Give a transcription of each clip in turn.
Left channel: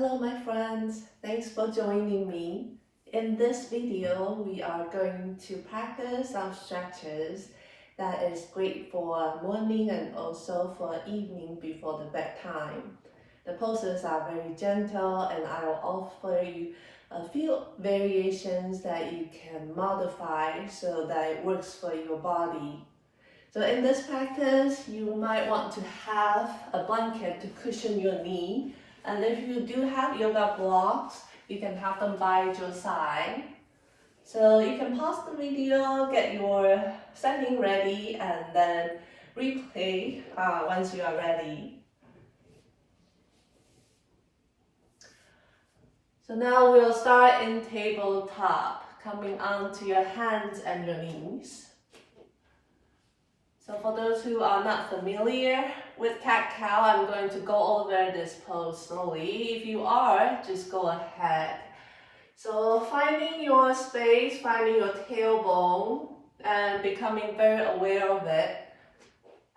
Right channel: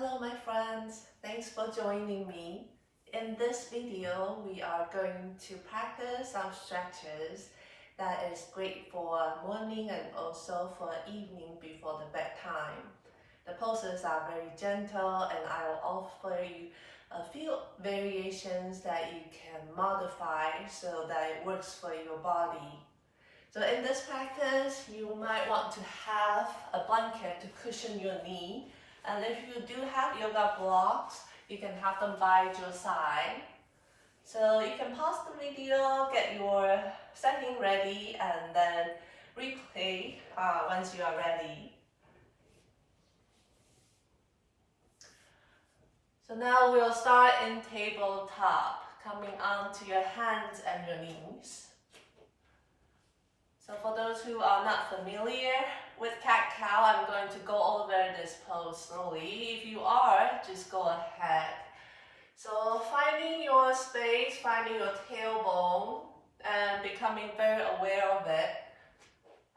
Hello my friends, thanks for joining me. In this video, we are going to practice some stretches that is great for morning and also for evening before the bedtime. The poses are very gentle and I will offer you a few variations that you can modify so that it works for your body. So in this practice, you might want to have a blanket to cushion your knee. And if you do have yoga blocks, you can have them by your side. So you can pause the video, get your setting ready, and then replay once you are ready. So now we'll start in tabletop, coming onto your hands and your knees. So for those who are not familiar with cat-cow, I'm going to go over this pose slowly. If you are, just go ahead. So finding your space, finding your tailbone, and becoming very aware of it.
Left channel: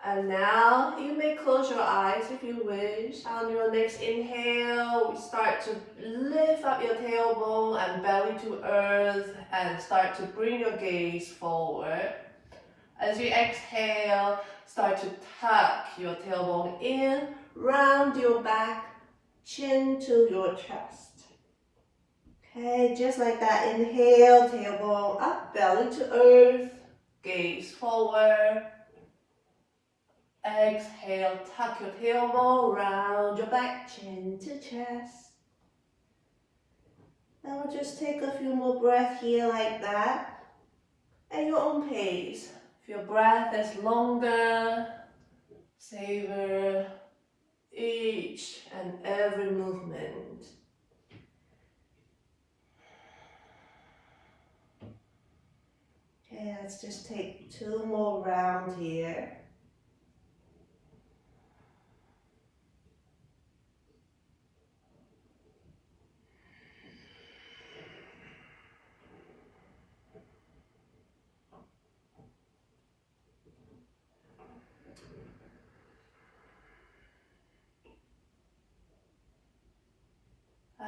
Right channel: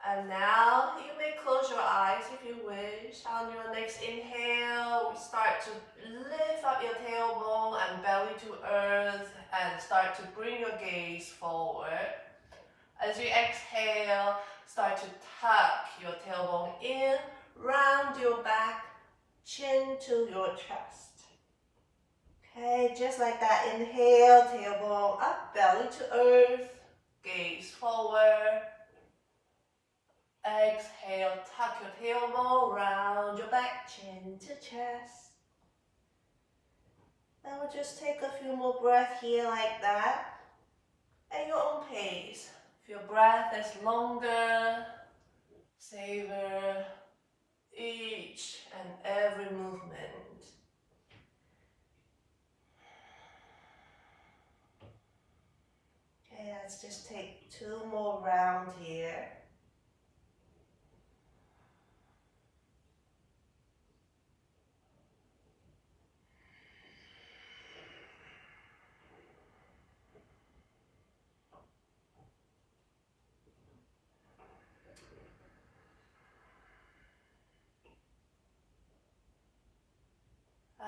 And now you may close your eyes if you wish. On your next inhale, we start to lift up your tailbone and belly to earth and start to bring your gaze forward. As you exhale, start to tuck your tailbone in, round your back, chin to your chest. Okay, just like that. Inhale, tailbone up, belly to earth, gaze forward. Exhale, tuck your tailbone, round your back, chin to chest. Now we'll just take a few more breaths here like that, at your own pace. If your breath is longer, savor each and every movement. Okay, let's just take 2 more rounds here.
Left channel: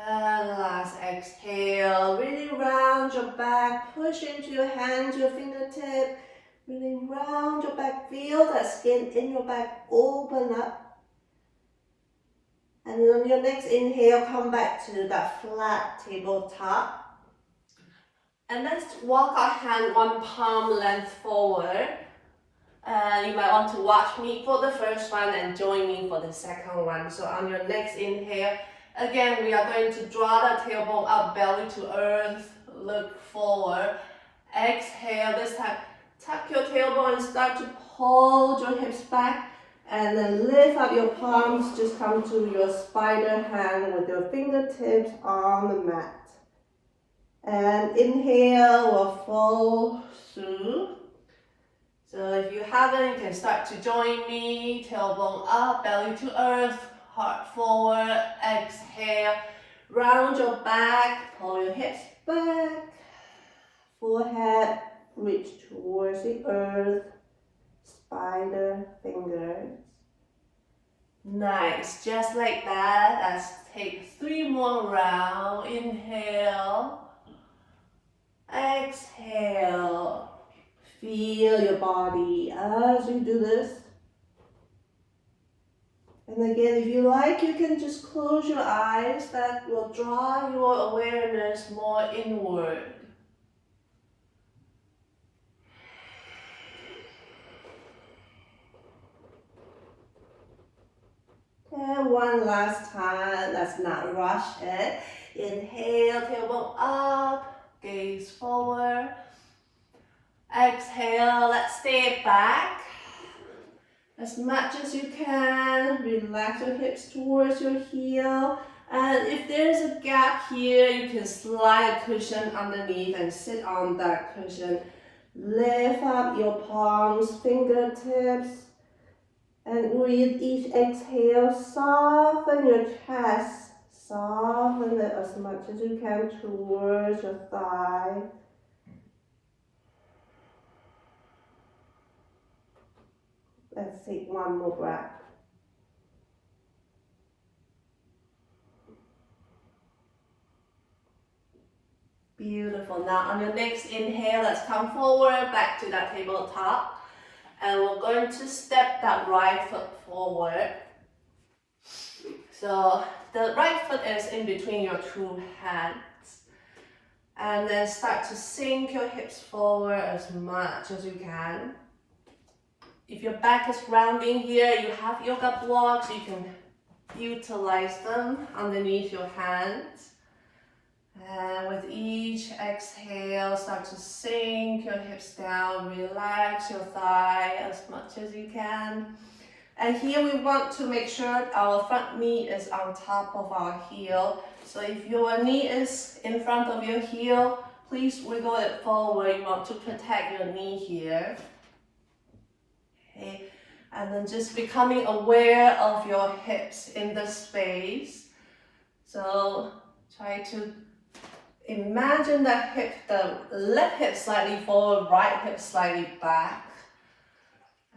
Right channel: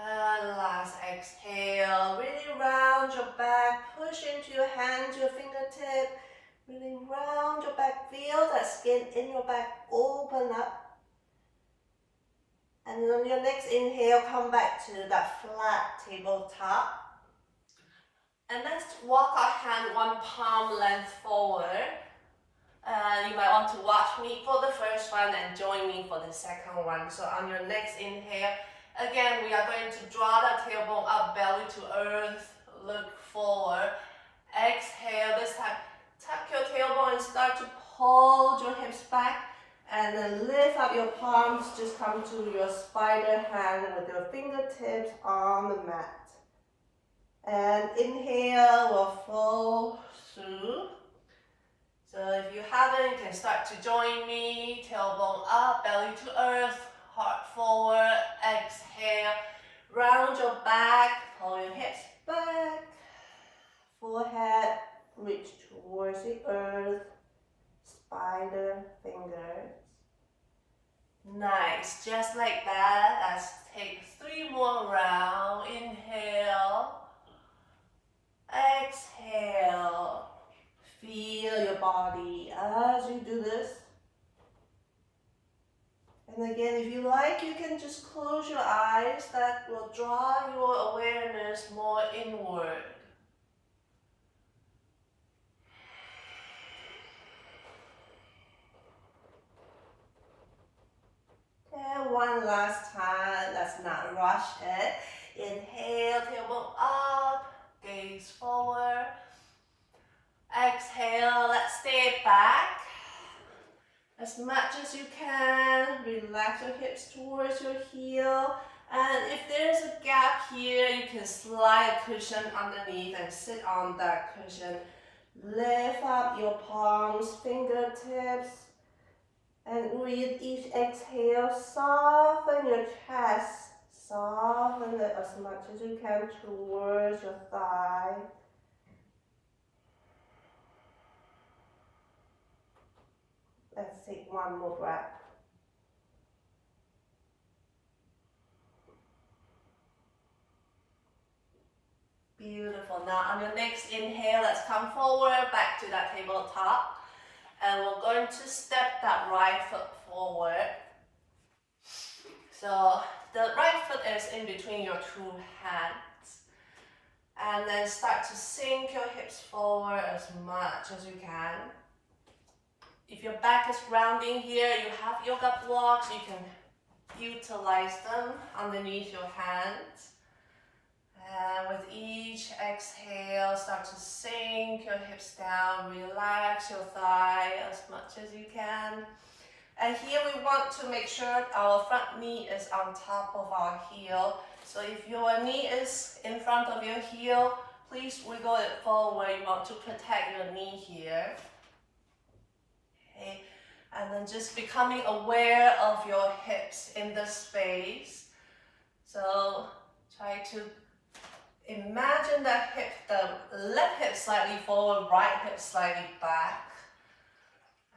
And last exhale, really round your back, push into your hands, your fingertip, really round your back, feel that skin in your back open up. And on your next inhale, come back to that flat tabletop. And let's walk our hand 1 palm length forward. You might want to watch me for the first one and join me for the second one. So on your next inhale, again, we are going to draw the tailbone up, belly to earth, look forward. Exhale, this time, tuck your tailbone and start to pull your hips back. And then lift up your palms, just come to your spider hand with your fingertips on the mat. And inhale, we'll fold through. So if you haven't, you can start to join me. Tailbone up, belly to earth, heart forward. Exhale, round your back, pull your hips back. Forehead, reach towards the earth. Spider fingers. Nice, just like that. Let's take 3 more rounds. Inhale. Exhale. Feel your body as you do this. And again, if you like, you can just close your eyes. That will draw your awareness more inward. And one last time, let's not rush it. Inhale, tailbone up, gaze forward. Exhale, let's stay back. As much as you can, relax your hips towards your heel. And if there's a gap here, you can slide a cushion underneath and sit on that cushion. Lift up your palms, fingertips. And with each exhale, soften your chest. Soften it as much as you can towards your thigh. Let's take 1 more breath. Beautiful. Now on your next inhale, let's come forward back to that tabletop. And we're going to step that right foot forward. So the right foot is in between your two hands. And then start to sink your hips forward as much as you can. If your back is rounding here, you have yoga blocks, you can utilize them underneath your hands. And with each exhale, start to sink your hips down, relax your thigh as much as you can. And here we want to make sure our front knee is on top of our heel. So if your knee is in front of your heel, please wiggle it forward. You want to protect your knee here. Okay. And then just becoming aware of your hips in the space. So try to imagine that hip, the left hip slightly forward, right hip slightly back.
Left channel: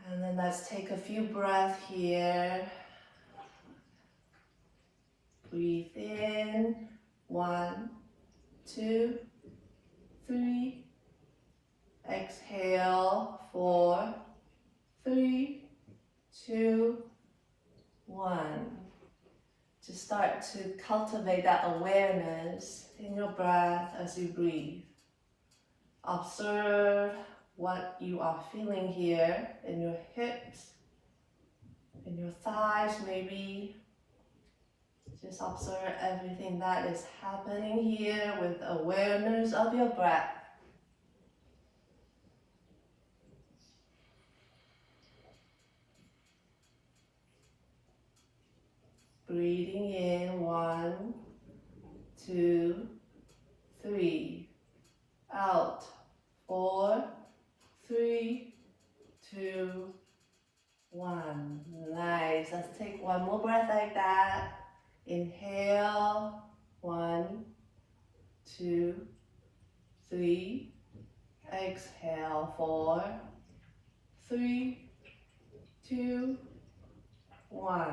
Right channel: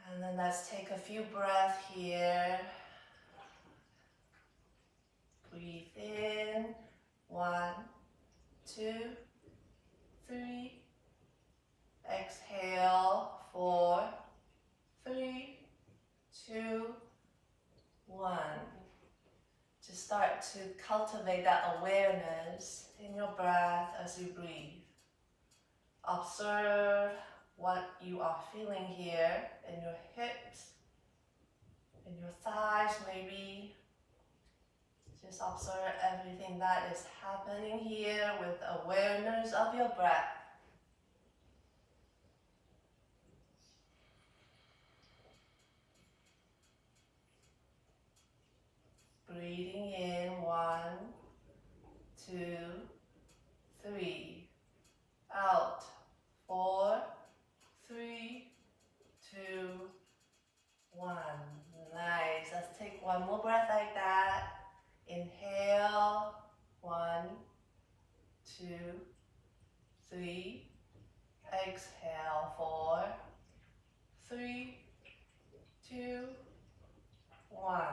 And then let's take a few breaths here. Breathe in, 1, 2, 3. Exhale, 4, 3, 2, 1. Just start to cultivate that awareness in your breath as you breathe. Observe what you are feeling here in your hips, in your thighs maybe. Just observe everything that is happening here with awareness of your breath. Breathing in, 1, 2, 3. Out, 4, 3, 2, 1. Nice. Let's take one more breath like that. Inhale, 1, 2, 3. Exhale, 4, 3, 2, 1.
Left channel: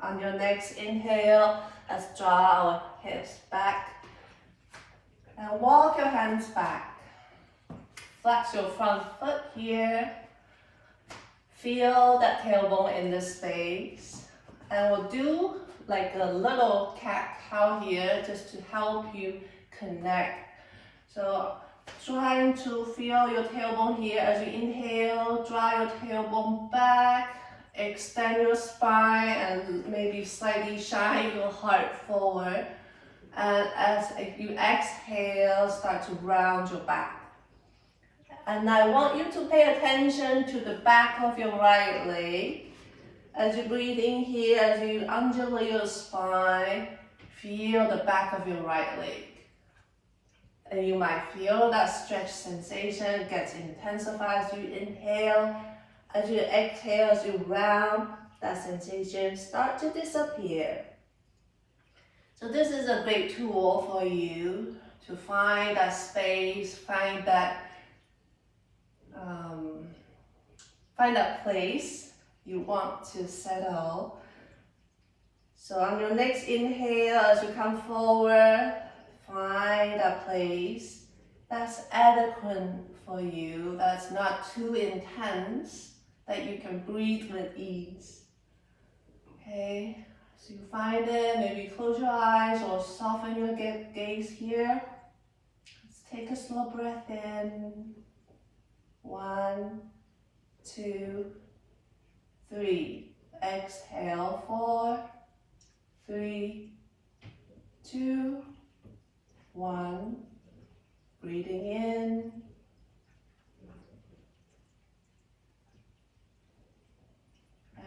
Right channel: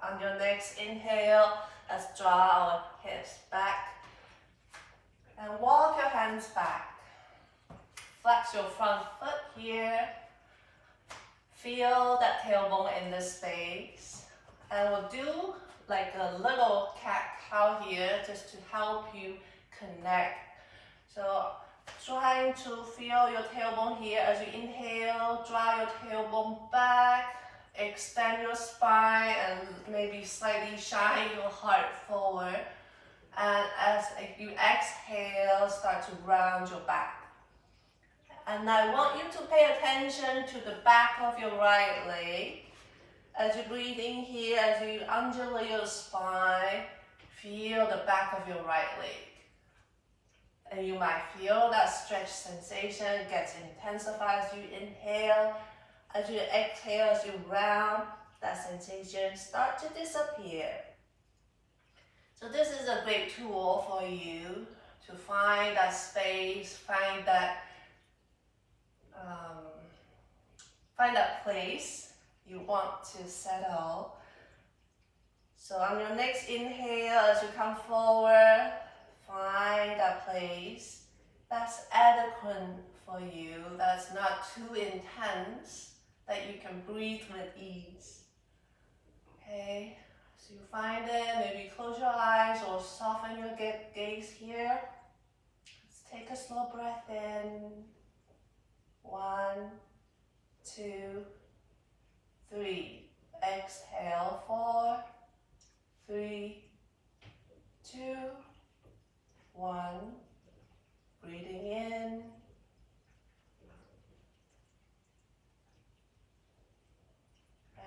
On your next inhale, let's draw our hips back and walk your hands back. Flex your front foot here. Feel that tailbone in the space. And we'll do like a little cat-cow here just to help you connect. So trying to feel your tailbone here as you inhale, draw your tailbone back. Extend your spine and maybe slightly shine your heart forward. And as you exhale, start to round your back. And I want you to pay attention to the back of your right leg. As you breathe in here, as you undulate your spine, feel the back of your right leg. And you might feel that stretch sensation gets intensified as you inhale. As you exhale, as you round, that sensation start to disappear. So this is a great tool for you to find that space, find that place you want to settle. So on your next inhale, as you come forward, find a place that's adequate for you, that's not too intense, that you can breathe with ease. Okay, so you find it, maybe close your eyes or soften your gaze here. Let's take a slow breath in. 1, 2, 3. Exhale, 4, 3, 2, 1. Breathing in.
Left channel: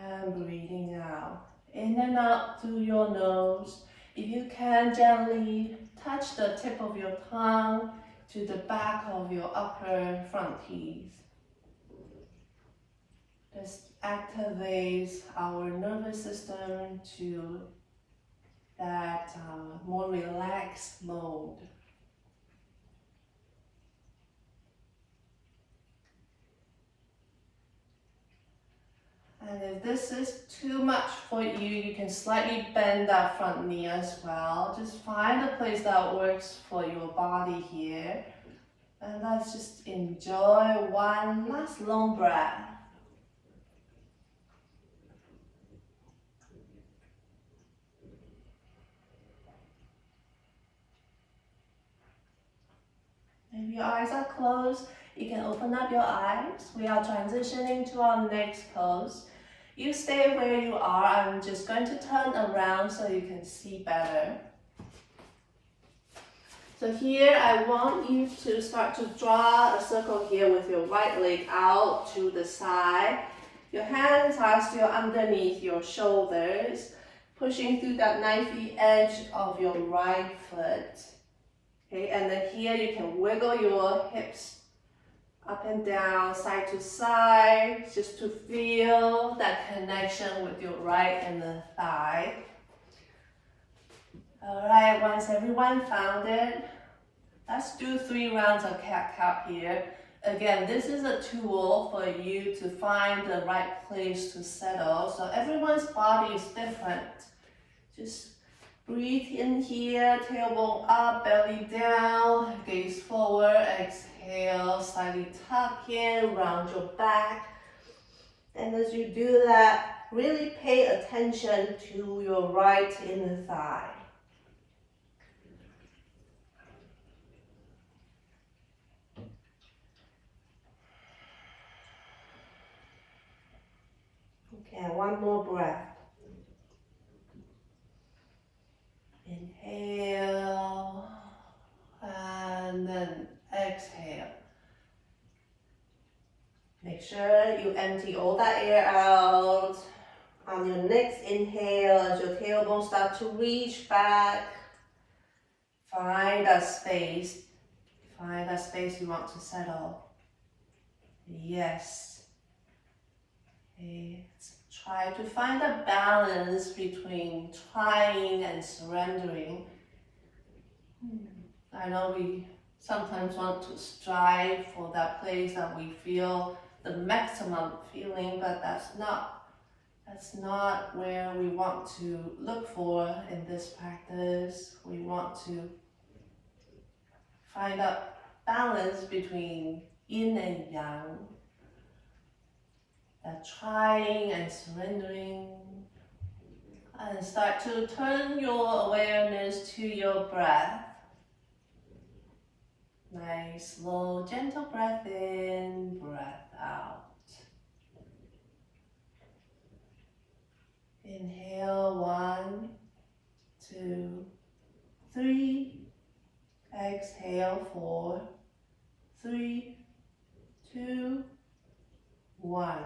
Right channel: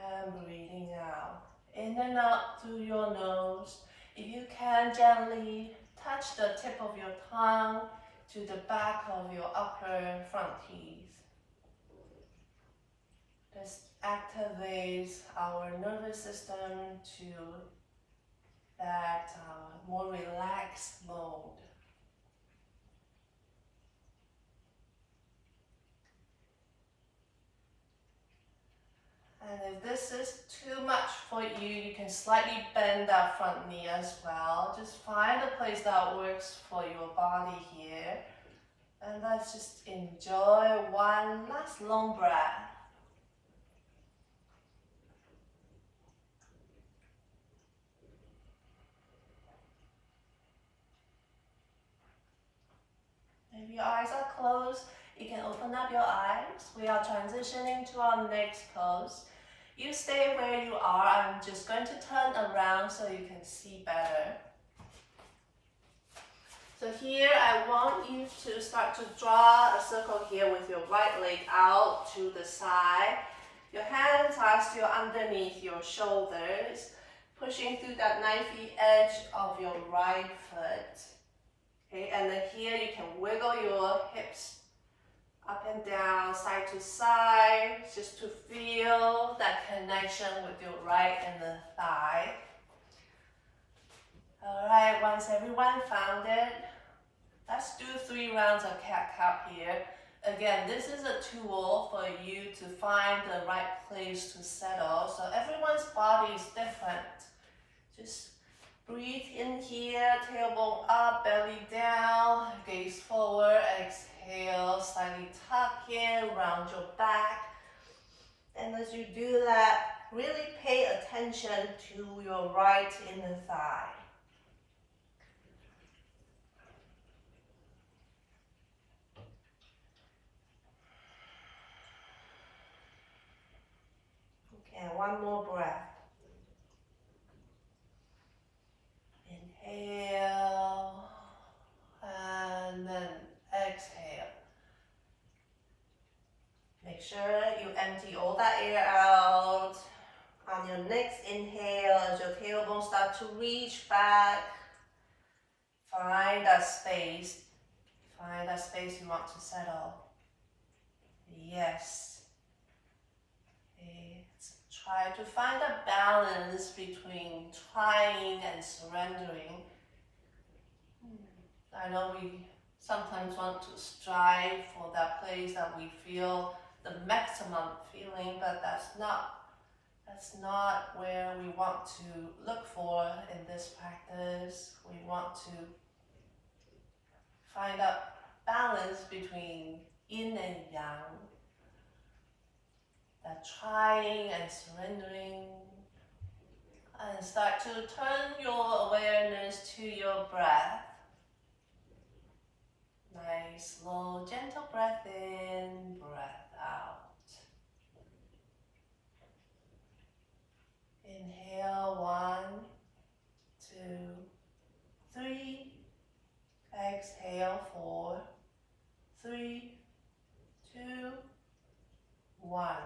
And breathing out. In and out through your nose. If you can, gently touch the tip of your tongue to the back of your upper front teeth. This activates our nervous system to that more relaxed mode. And if this is too much for you, you can slightly bend that front knee as well. Just find a place that works for your body here. And let's just enjoy one last long breath. If your eyes are closed, you can open up your eyes. We are transitioning to our next pose. You stay where you are. I'm just going to turn around so you can see better. So here I want you to start to draw a circle here with your right leg out to the side. Your hands are still underneath your shoulders, pushing through that knifey edge of your right foot. Okay, and then here you can wiggle your hips up and down, side to side, just to feel that connection with your right inner thigh. All right, once everyone found it, let's do 3 rounds of cat-cow here. Again, this is a tool for you to find the right place to settle. So everyone's body is different. Just breathe in here, tailbone up, belly down, gaze forward, exhale, slightly tuck in, round your back. And as you do that, really pay attention to your right inner thigh. Okay, one more breath. Inhale, and then exhale. Make sure you empty all that air out. On your next inhale, as your tailbone starts to reach back, find that space. Find that space you want to settle. Yes. Okay. Try to find a balance between trying and surrendering. I know we sometimes want to strive for that place that we feel the maximum feeling, but that's not where we want to look for in this practice. We want to find a balance between yin and yang, that trying and surrendering, and start to turn your awareness to your breath. Nice, slow, gentle breath in, breath out. Inhale, 1, 2, 3. Exhale, 4, 3, 2, 1.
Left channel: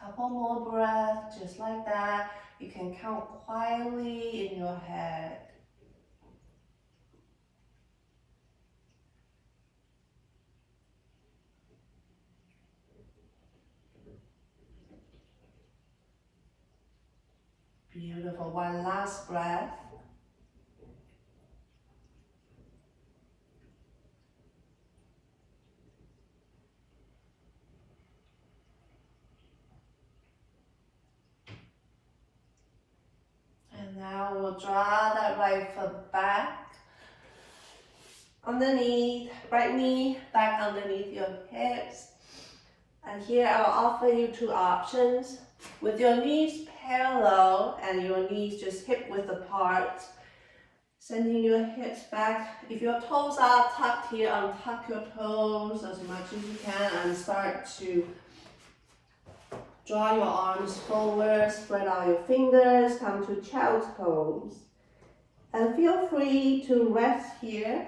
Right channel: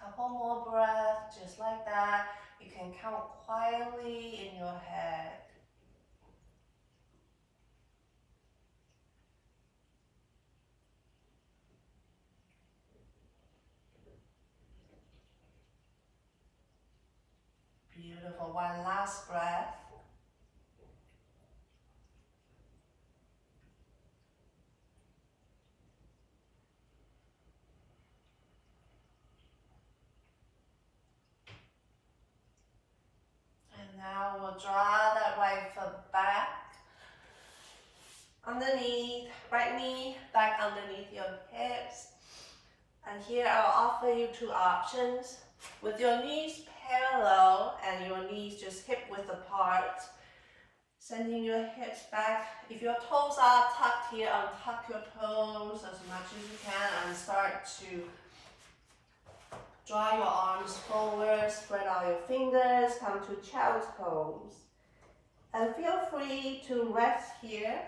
Couple more breaths, just like that. You can count quietly in your head. Beautiful. One last breath. And now we'll draw that right foot back, underneath, right knee back underneath your hips. And here I'll offer you 2 options. With your knees parallel and your knees just hip width apart, sending your hips back. If your toes are tucked here, untuck your toes as much as you can and start to draw your arms forward, spread out your fingers, come to child's pose. And feel free to rest here.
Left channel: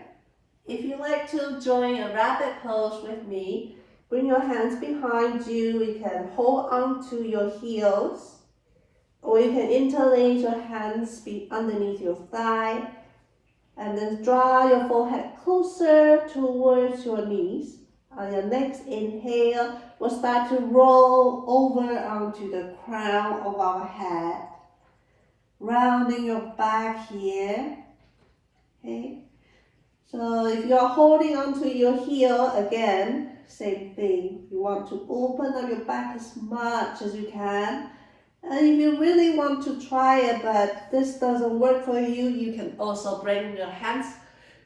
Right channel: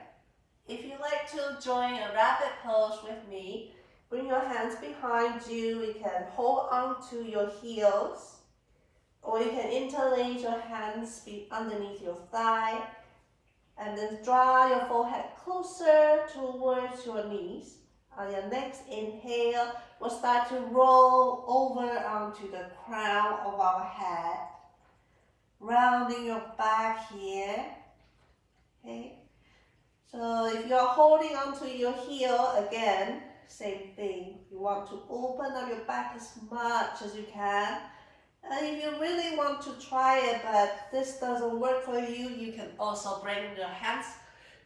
If you like to join a rabbit pose with me, bring your hands behind you. You can hold on to your heels, or you can interlace your hands underneath your thigh, and then draw your forehead closer towards your knees. On your next inhale, we'll start to roll over onto the crown of our head, rounding your back here. Okay. So if you're holding onto your heel again, same thing. You want to open up your back as much as you can. And if you really want to try it, but this doesn't work for you, you can also bring your hands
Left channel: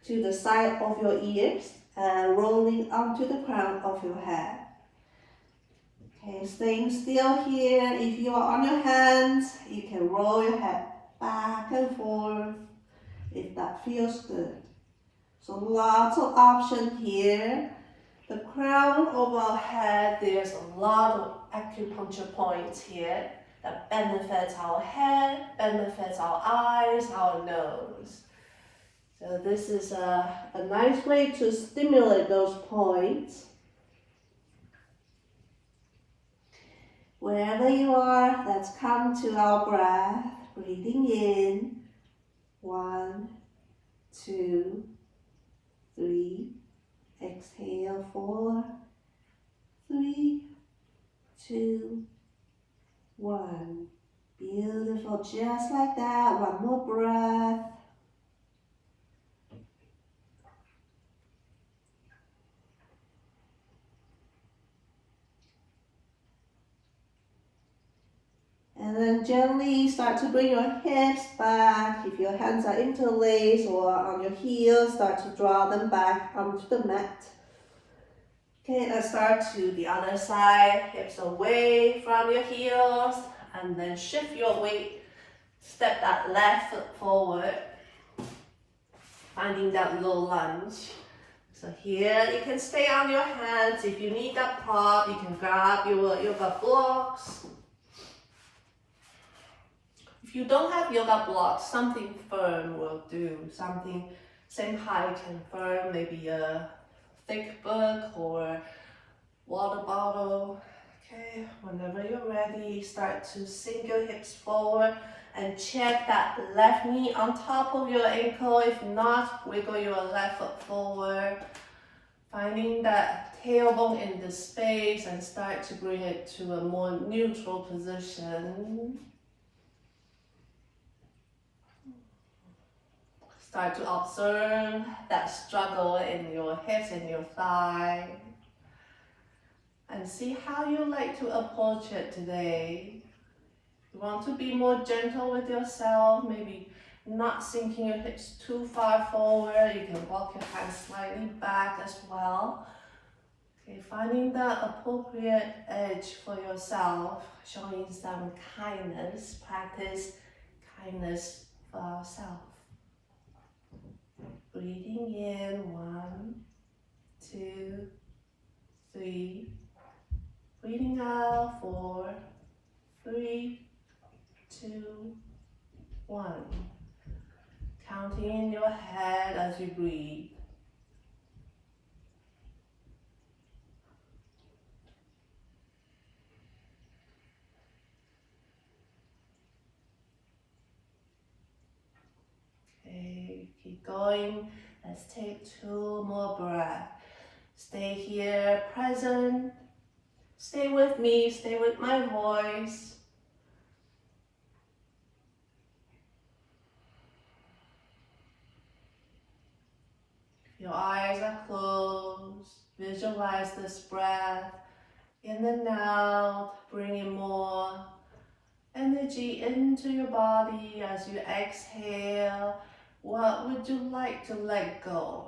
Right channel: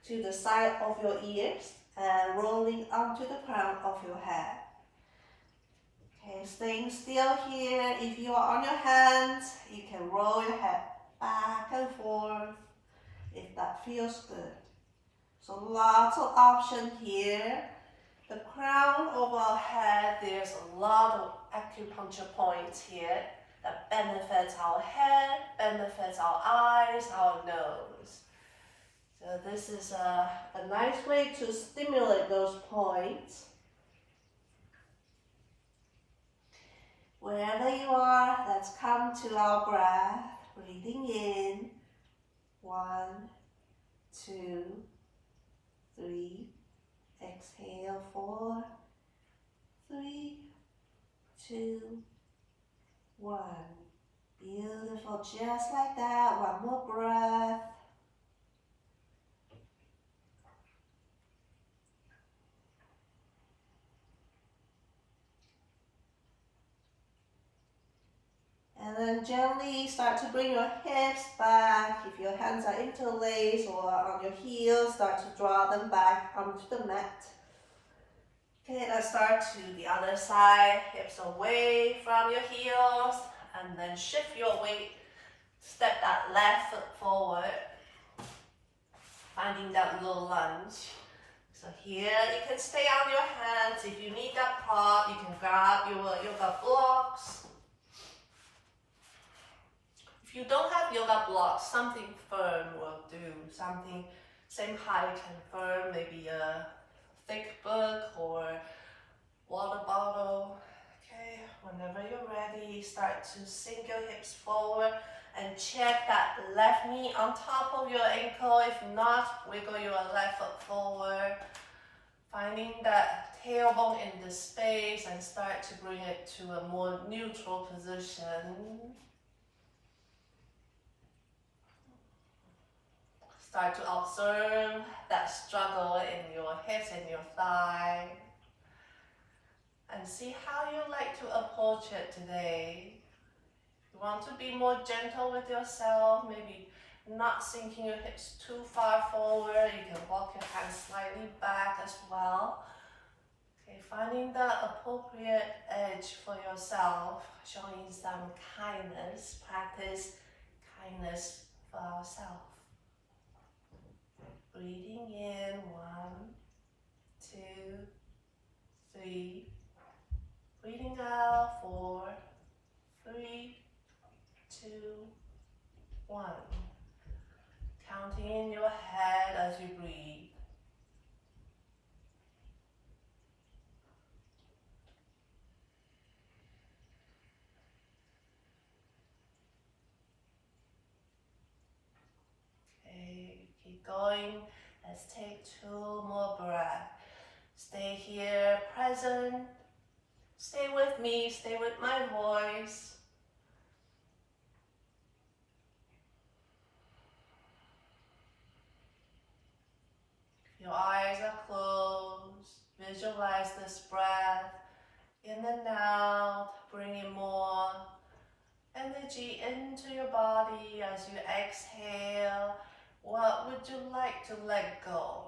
to the side of your ears and rolling onto the crown of your head. Okay, staying still here. If you are on your hands, you can roll your head back and forth if that feels good. So lots of options here. The crown of our head, there's a lot of acupuncture points here that benefits our head, benefits our eyes, our nose. So this is a nice way to stimulate those points. Wherever you are, let's come to our breath. Breathing in. 1, 2, 3. Exhale, 4, 3, 2, 1. Beautiful, just like that. One more breath. And then gently start to bring your hips back. If your hands are interlaced or on your heels, start to draw them back onto the mat. Okay, let's start to the other side. Hips away from your heels, and then shift your weight. Step that left foot forward, finding that low lunge. So here you can stay on your hands. If you need that prop, you can grab your yoga blocks. If you don't have yoga blocks, something firm will do. Something same height and firm, maybe a thick book or water bottle. Okay, whenever you're ready, start to sink your hips forward and check that left knee on top of your ankle. If not, wiggle your left foot forward, finding that tailbone in the space and start to bring it to a more neutral position. Start to observe that struggle in your hips and your thigh. And see how you like to approach it today. If you want to be more gentle with yourself, maybe not sinking your hips too far forward, you can walk your hands slightly back as well. Okay, finding the appropriate edge for yourself, showing some kindness, practice kindness for ourselves. Breathing in, 1, 2, 3. Breathing out, 4, 3, 2, 1. Counting in your head as you breathe. Okay, keep going. Let's take 2 more breaths. Stay here, present. Stay with me, stay with my voice. Your eyes are closed. Visualize this breath in and out, bringing more energy into your body as you exhale. What would you like to let go?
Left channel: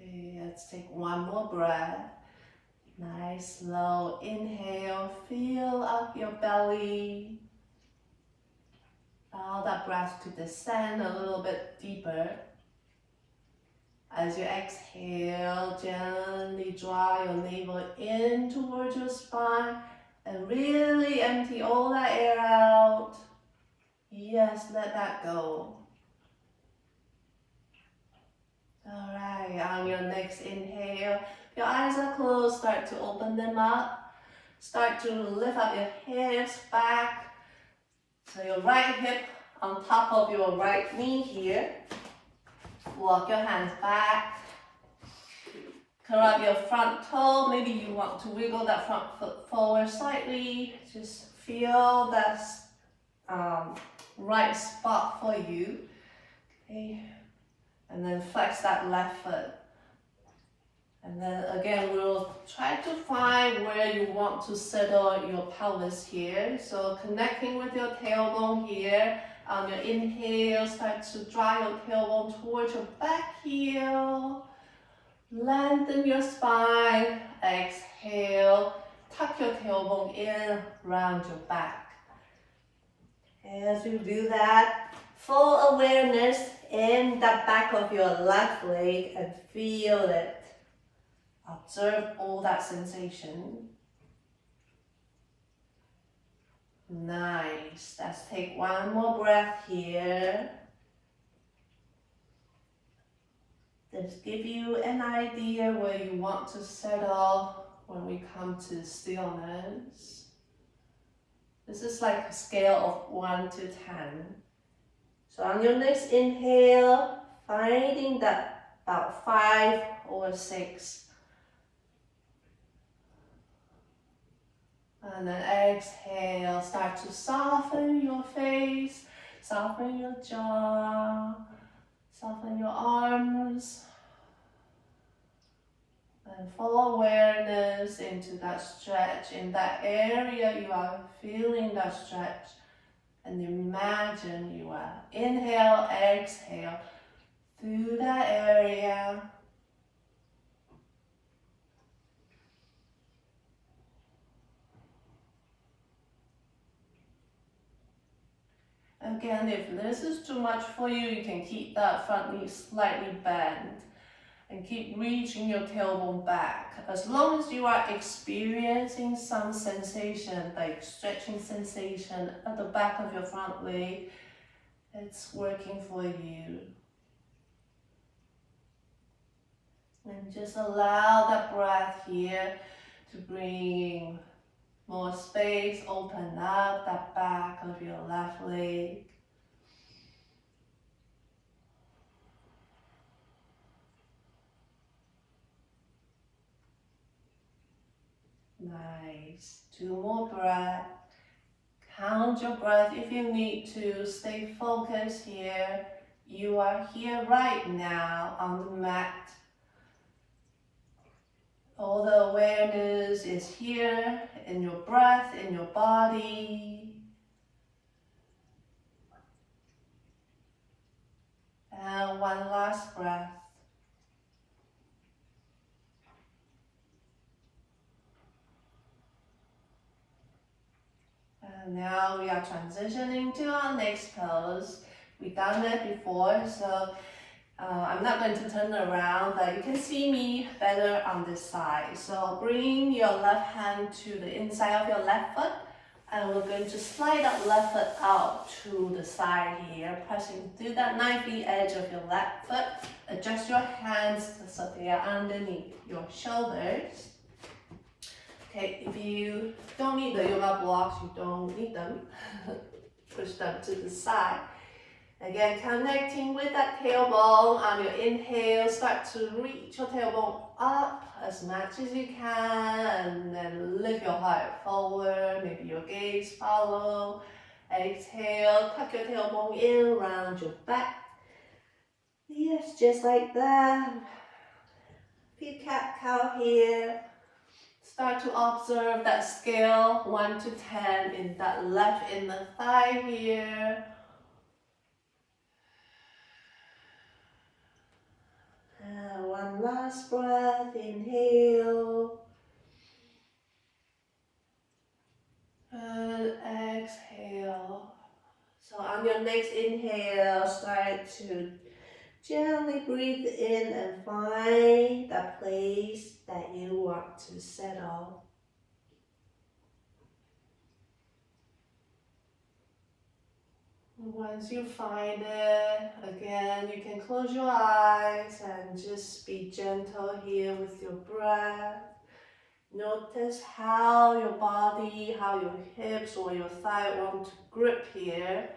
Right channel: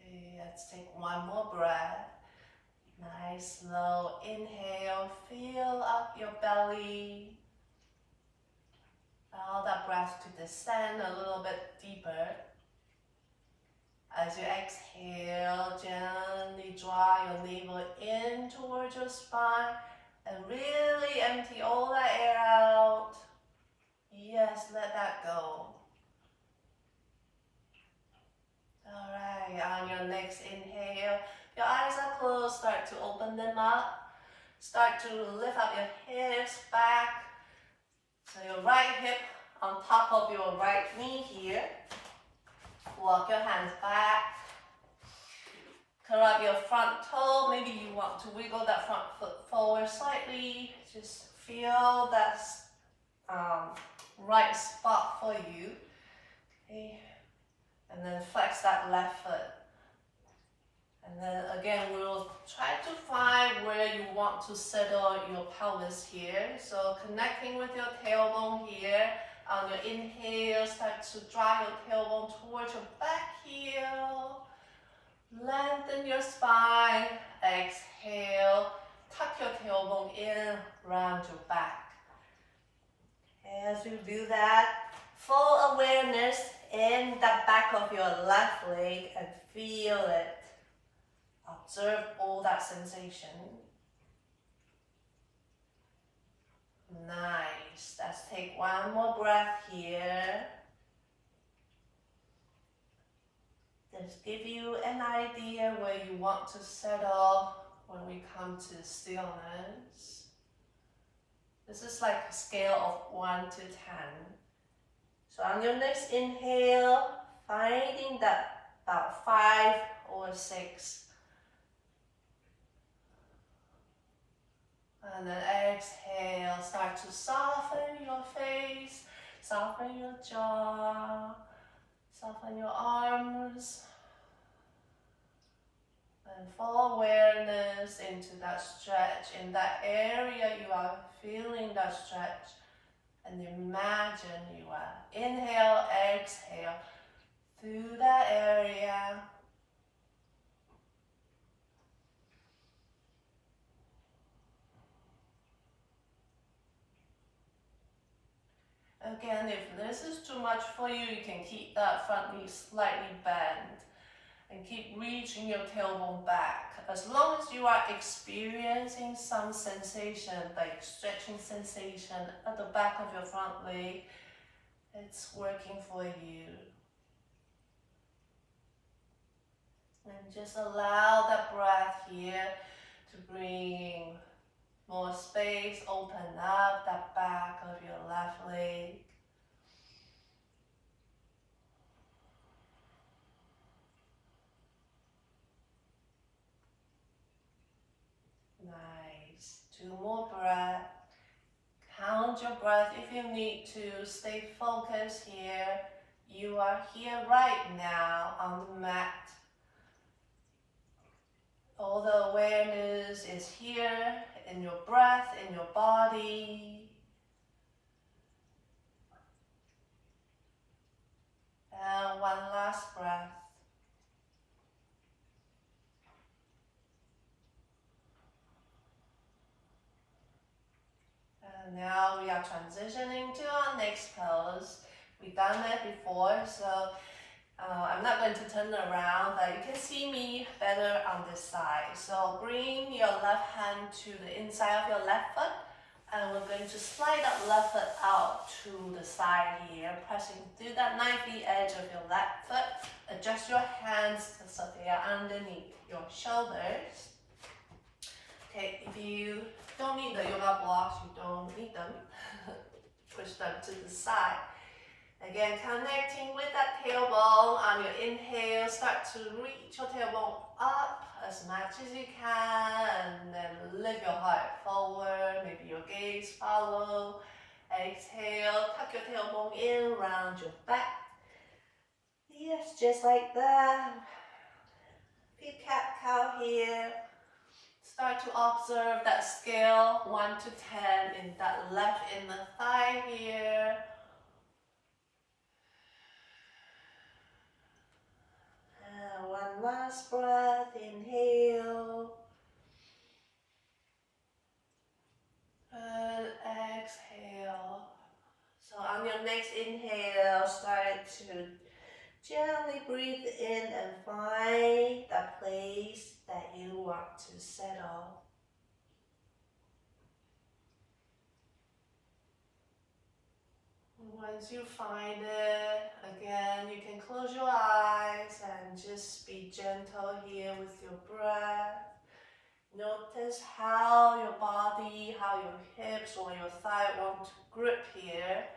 Okay, let's take 1 more breath. Nice, slow inhale. Fill up your belly. Allow that breath to descend a little bit deeper. As you exhale, gently draw your navel in towards your spine and really empty all that air out. Yes, let that go. Alright, on your next inhale, your eyes are closed, start to open them up. Start to lift up your hips back. So your right hip on top of your right knee here. Walk your hands back. Curl up your front toe. Maybe you want to wiggle that front foot forward slightly. Just feel that right spot for you. Okay, and then flex that left foot. And then again, we'll try to find where you want to settle your pelvis here. So connecting with your tailbone here. On your inhale, start to draw your tailbone towards your back heel. Lengthen your spine. Exhale, tuck your tailbone in, round your back. As you do that, full awareness in the back of your left leg and feel it. Observe all that sensation. Nice. Let's take one more breath here. Just give you an idea where you want to settle when we come to stillness. This is like a scale of 1 to 10. So on your next inhale, finding that about 5 or 6. And then exhale, start to soften your face, soften your jaw, soften your arms. And full awareness into that stretch. In that area, you are feeling that stretch. And imagine you are inhale, exhale through that area. Again, if this is too much for you, you can keep that front knee slightly bent and keep reaching your tailbone back. As long as you are experiencing some sensation, like stretching sensation at the back of your front leg, it's working for you. And just allow that breath here to bring more space, open up that back of your left leg. Nice. 2 more breaths. Count your breath if you need to. Stay focused here. You are here right now on the mat. All the awareness is here in your breath, in your body. And one last breath. And now we are transitioning to our next pose. We've done that before, so I'm not going to turn around, but you can see me better on this side. So bring your left hand to the inside of your left foot, and we're going to slide that left foot out to the side here, pressing through that knifey edge of your left foot. Adjust your hands so they are underneath your shoulders. Okay, if you don't need the yoga blocks, you don't need them. Push them to the side. Again, connecting with that tailbone. On your inhale, start to reach your tailbone up as much as you can, and then lift your heart forward. Maybe your gaze follow. Exhale, tuck your tailbone in, round your back. Yes, just like that. Few cat-cow here. Start to observe that scale 1 to 10 in that left inner thigh here. And one last breath, inhale. And exhale. So on your next inhale, start to gently breathe in and find that place that you want to settle. Once you find it, again, you can close your eyes and just be gentle here with your breath. Notice how your body, how your hips or your thigh want to grip here.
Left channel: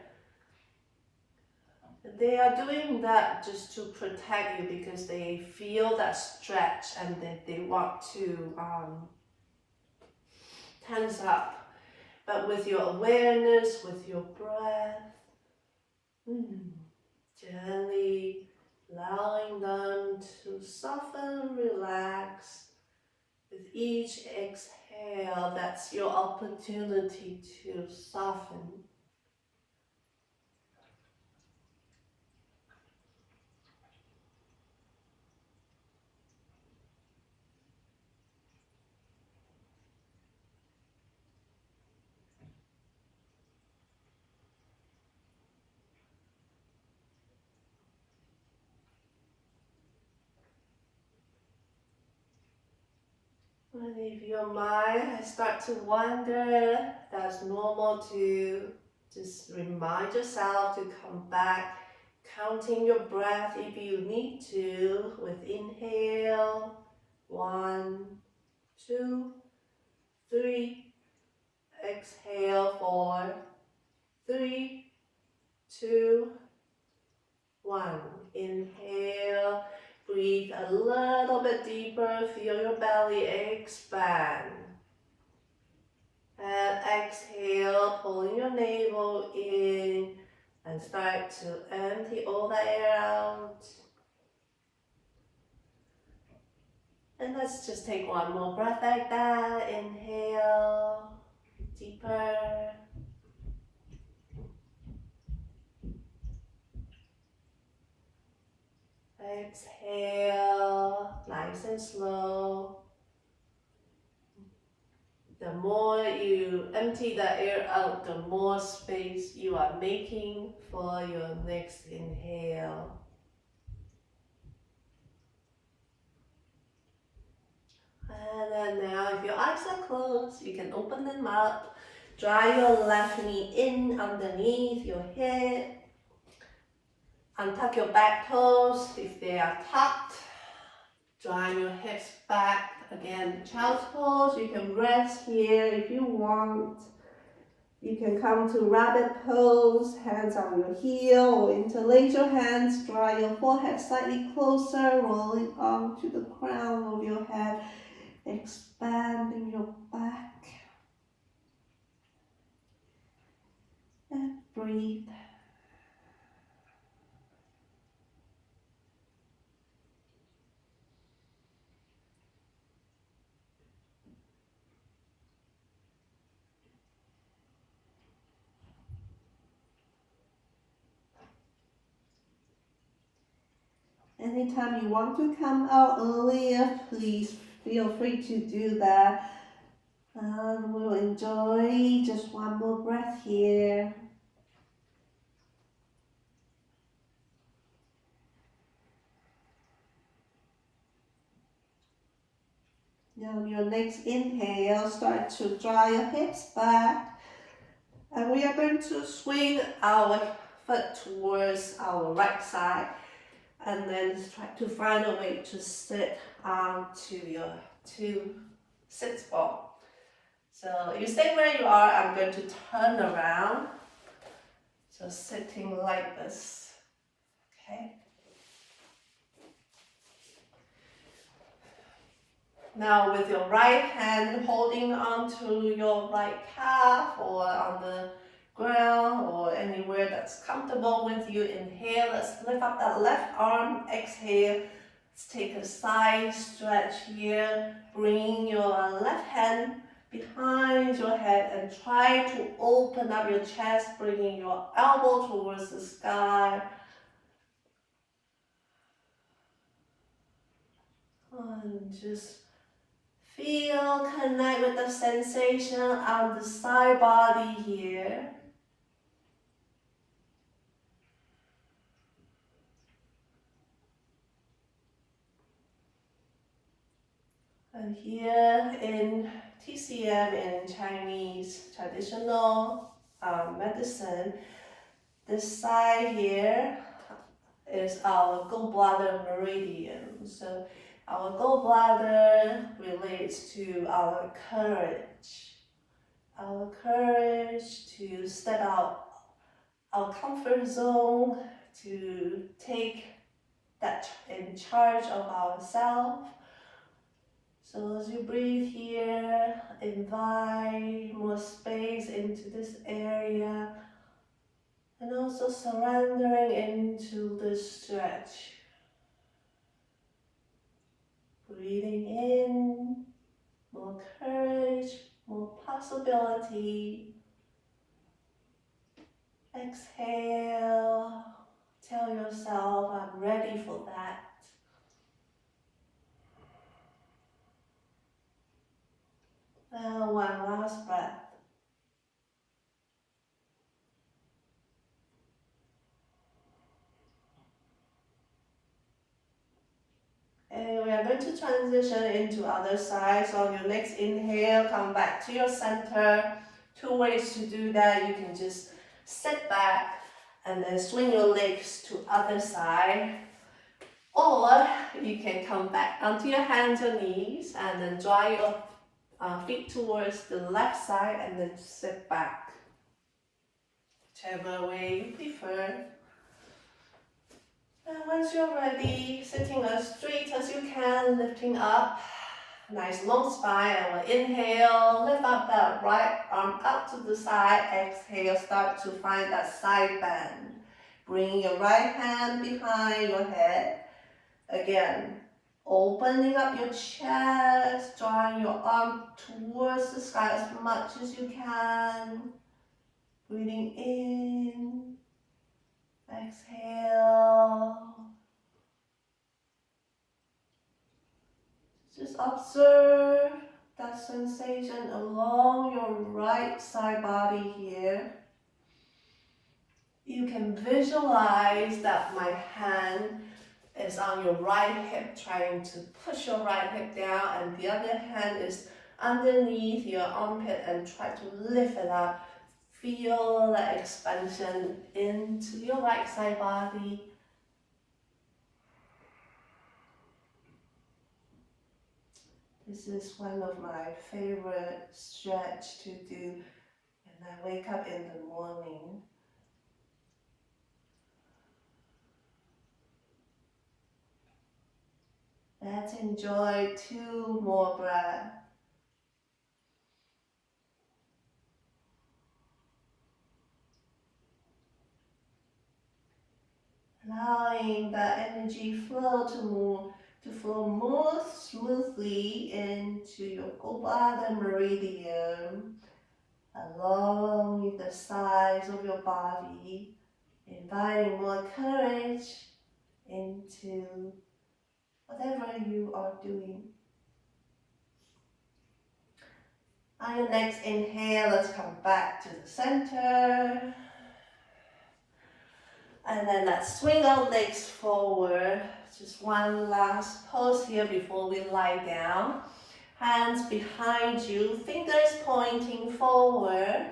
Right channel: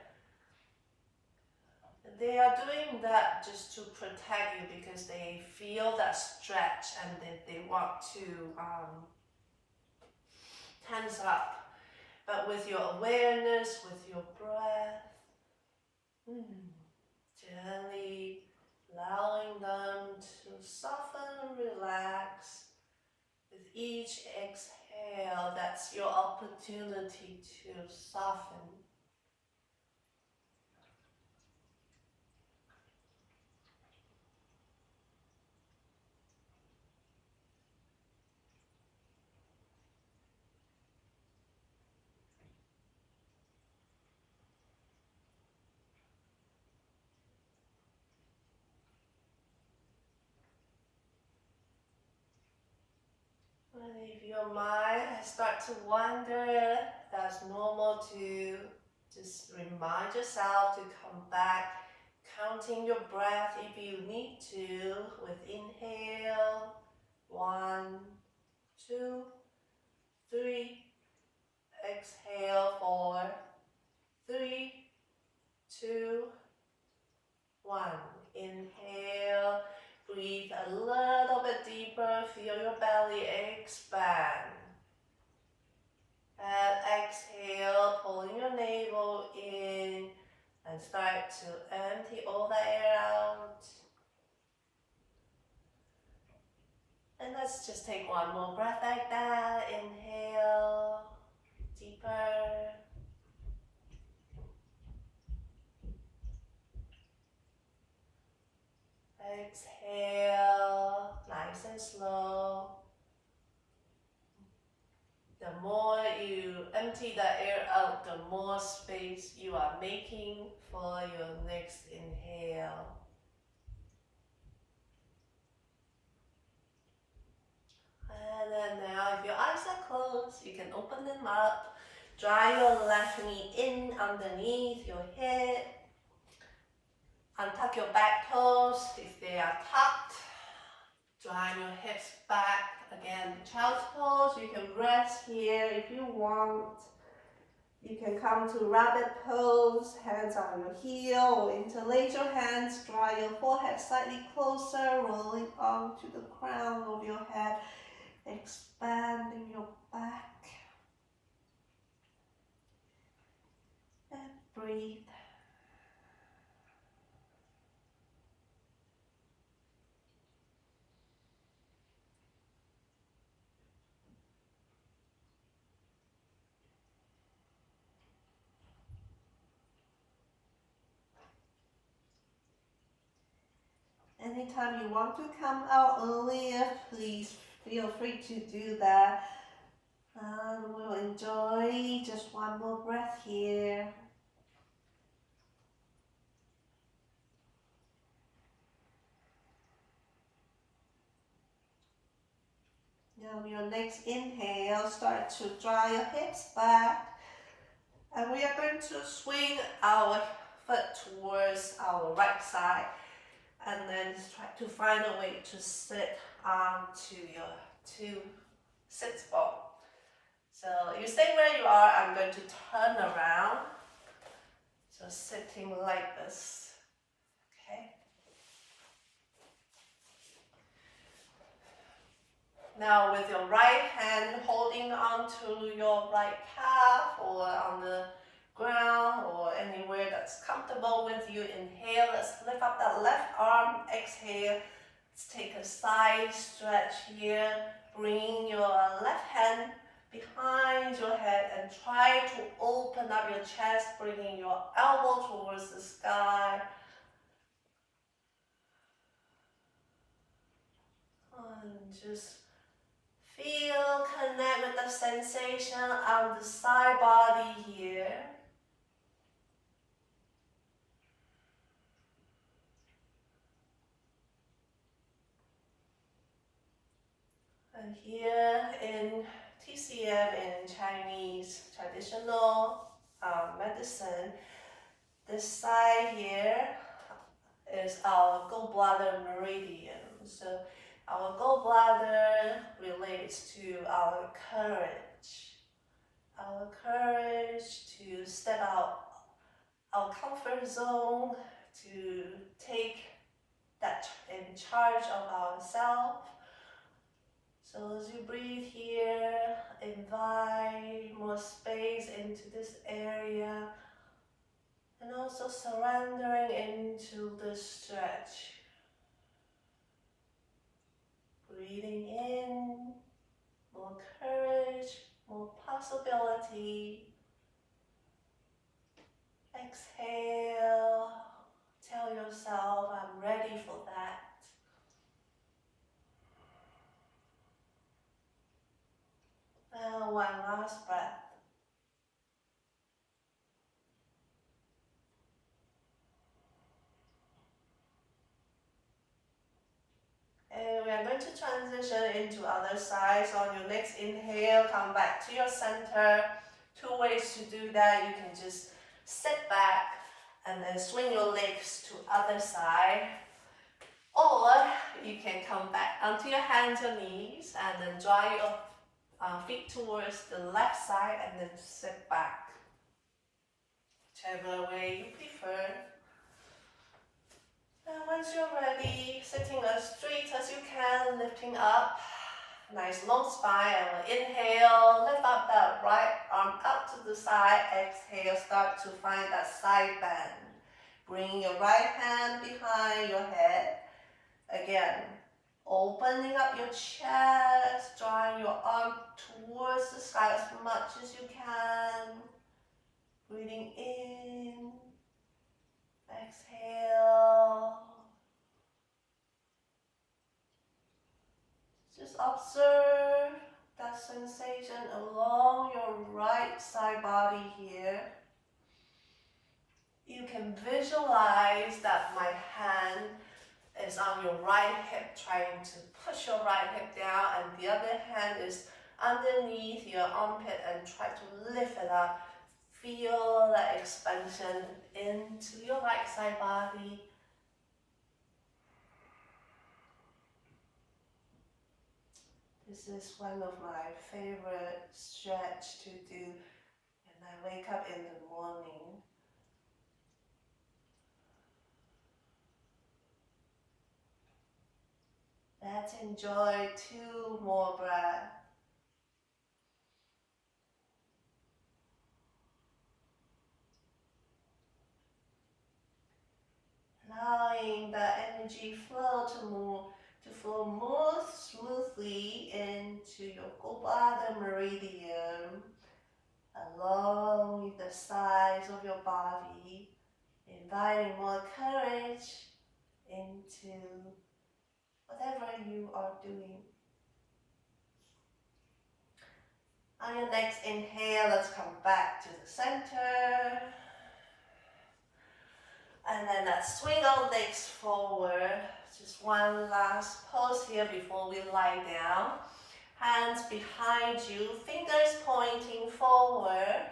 They are doing that just to protect you because they feel that stretch and they want to tense up. But with your awareness, with your breath, gently allowing them to soften, relax. With each exhale, that's your opportunity to soften. And if your mind has started to wander, that's normal too. Just remind yourself to come back, counting your breath if you need to, with inhale, 1, 2, 3, exhale, 4, 3, 2, 1. Inhale, breathe a little bit deeper, feel your belly expand. And exhale, pulling your navel in and start to empty all the air out. And let's just take one more breath like that. Inhale, deeper. Exhale, nice and slow. The more you empty the air out, the more space you are making for your next inhale. And then now, if your eyes are closed, you can open them up. Dry your left knee in underneath your hip. Untuck your back toes if they are tucked. Drawing your hips back. Again, child's pose. You can rest here if you want. You can come to rabbit pose, hands on your heel, or interlace your hands. Draw your forehead slightly closer, rolling onto the crown of your head, expanding your back. And breathe. Anytime you want to come out earlier, please feel free to do that. And we'll enjoy just one more breath here. Now your next inhale, start to draw your hips back. And we are going to swing our foot towards our right side. And then try to find a way to sit onto your sit ball. So you stay where you are. I'm going to turn around. So sitting like this. Okay. Now with your right hand holding onto your right calf or on the ground or anywhere that's comfortable with you. Inhale, let's lift up that left arm. Exhale, let's take a side stretch here. Bring your left hand behind your head and try to open up your chest, bringing your elbow towards the sky. And just feel, connect with the sensation on the side body here. And here in TCM, in Chinese traditional medicine, this side here is our gallbladder meridian. So our gallbladder relates to our courage to step out our comfort zone, to take that in charge of ourselves. So as you breathe here, invite more space into this area. And also surrendering into the stretch. Breathing in, more courage, more possibility. Exhale, tell yourself, I'm ready for that. And one last breath. And we are going to transition into other side. So on your next inhale, come back to your center. Two ways to do that. You can just sit back and then swing your legs to other side. Or you can come back onto your hands or knees and then draw your feet towards the left side and then sit back. Whichever way you prefer. And once you're ready, sitting as straight as you can, lifting up. Nice long spine, and we'll inhale, lift up that right arm up to the side. Exhale, start to find that side bend. Bring your right hand behind your head. Again, opening up your chest, drawing your arm towards the sky as much as you can. Breathing in, exhale. Just observe that sensation along your right side body here. You can visualize that my hand is on your right hip, trying to push your right hip down, and the other hand is underneath your armpit and try to lift it up. Feel that expansion into your right side body. This is one of my favorite stretch to do when I wake up in the morning. Let's enjoy 2 more breaths. Allowing that energy flow to flow more smoothly into your Gopala meridian, along with the sides of your body, inviting more courage into whatever you are doing. On your next inhale, let's come back to the center. And then let's swing our legs forward. Just one last pose here before we lie down. Hands behind you, fingers pointing forward.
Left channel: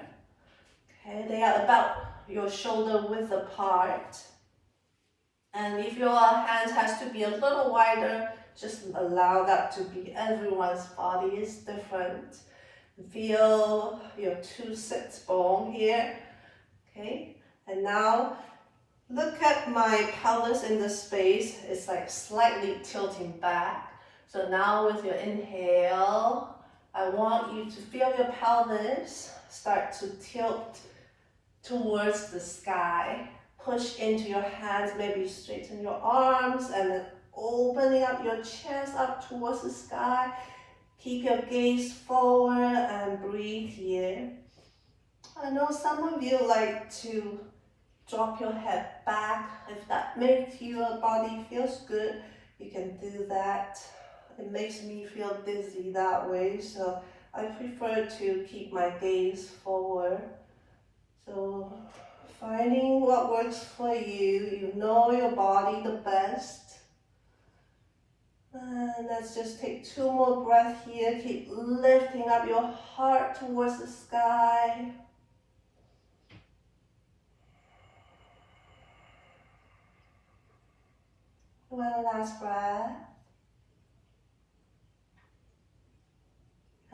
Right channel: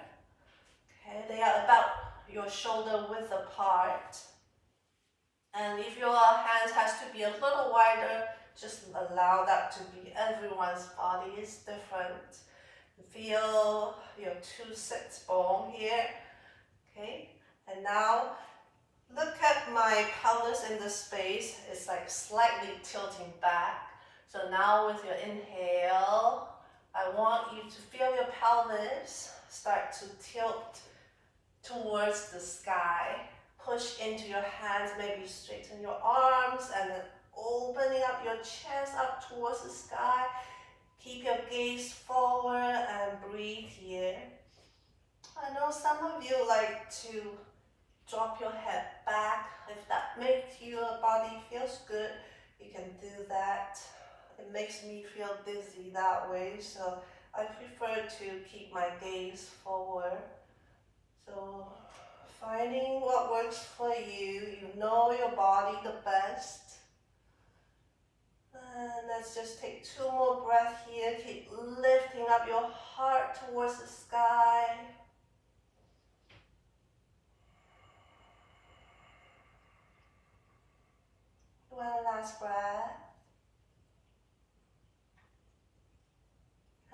Okay, they are about your shoulder width apart. And if your hands has to be a little wider, just allow that to be. Everyone's body is different. Feel your 2 sits bone here. Okay, and now look at my pelvis in the space. It's like slightly tilting back. So now with your inhale, I want you to feel your pelvis start to tilt towards the sky. Push into your hands, maybe straighten your arms and then opening up your chest up towards the sky. Keep your gaze forward and breathe here. I know some of you like to drop your head back. If that makes your body feels good, you can do that. It makes me feel dizzy that way, so I prefer to keep my gaze forward. So finding what works for you, you know your body the best. And let's just take 2 more breaths here. Keep lifting up your heart towards the sky. One last breath.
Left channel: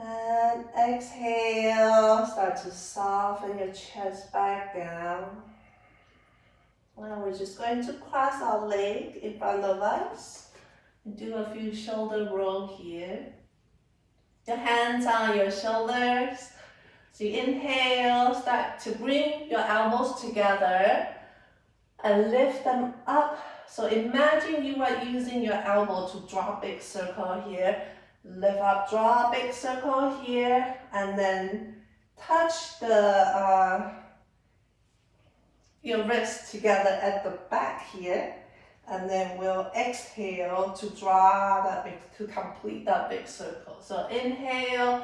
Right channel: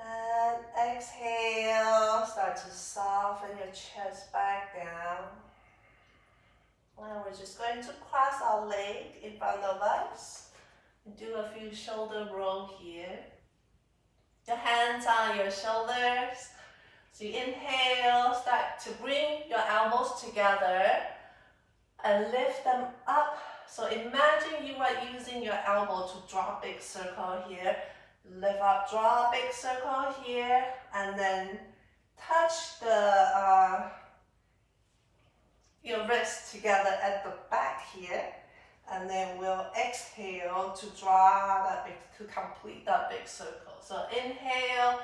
And exhale, start to soften your chest back down. Now we're just going to cross our leg in front of us. Do a few shoulder roll here. Your hands on your shoulders. So you inhale, start to bring your elbows together. and lift them up. So imagine you are using your elbow to draw a big circle here. Lift up, draw a big circle here, and then touch your wrists together at the back here. And then we'll exhale to draw that big, to complete that big circle. So inhale,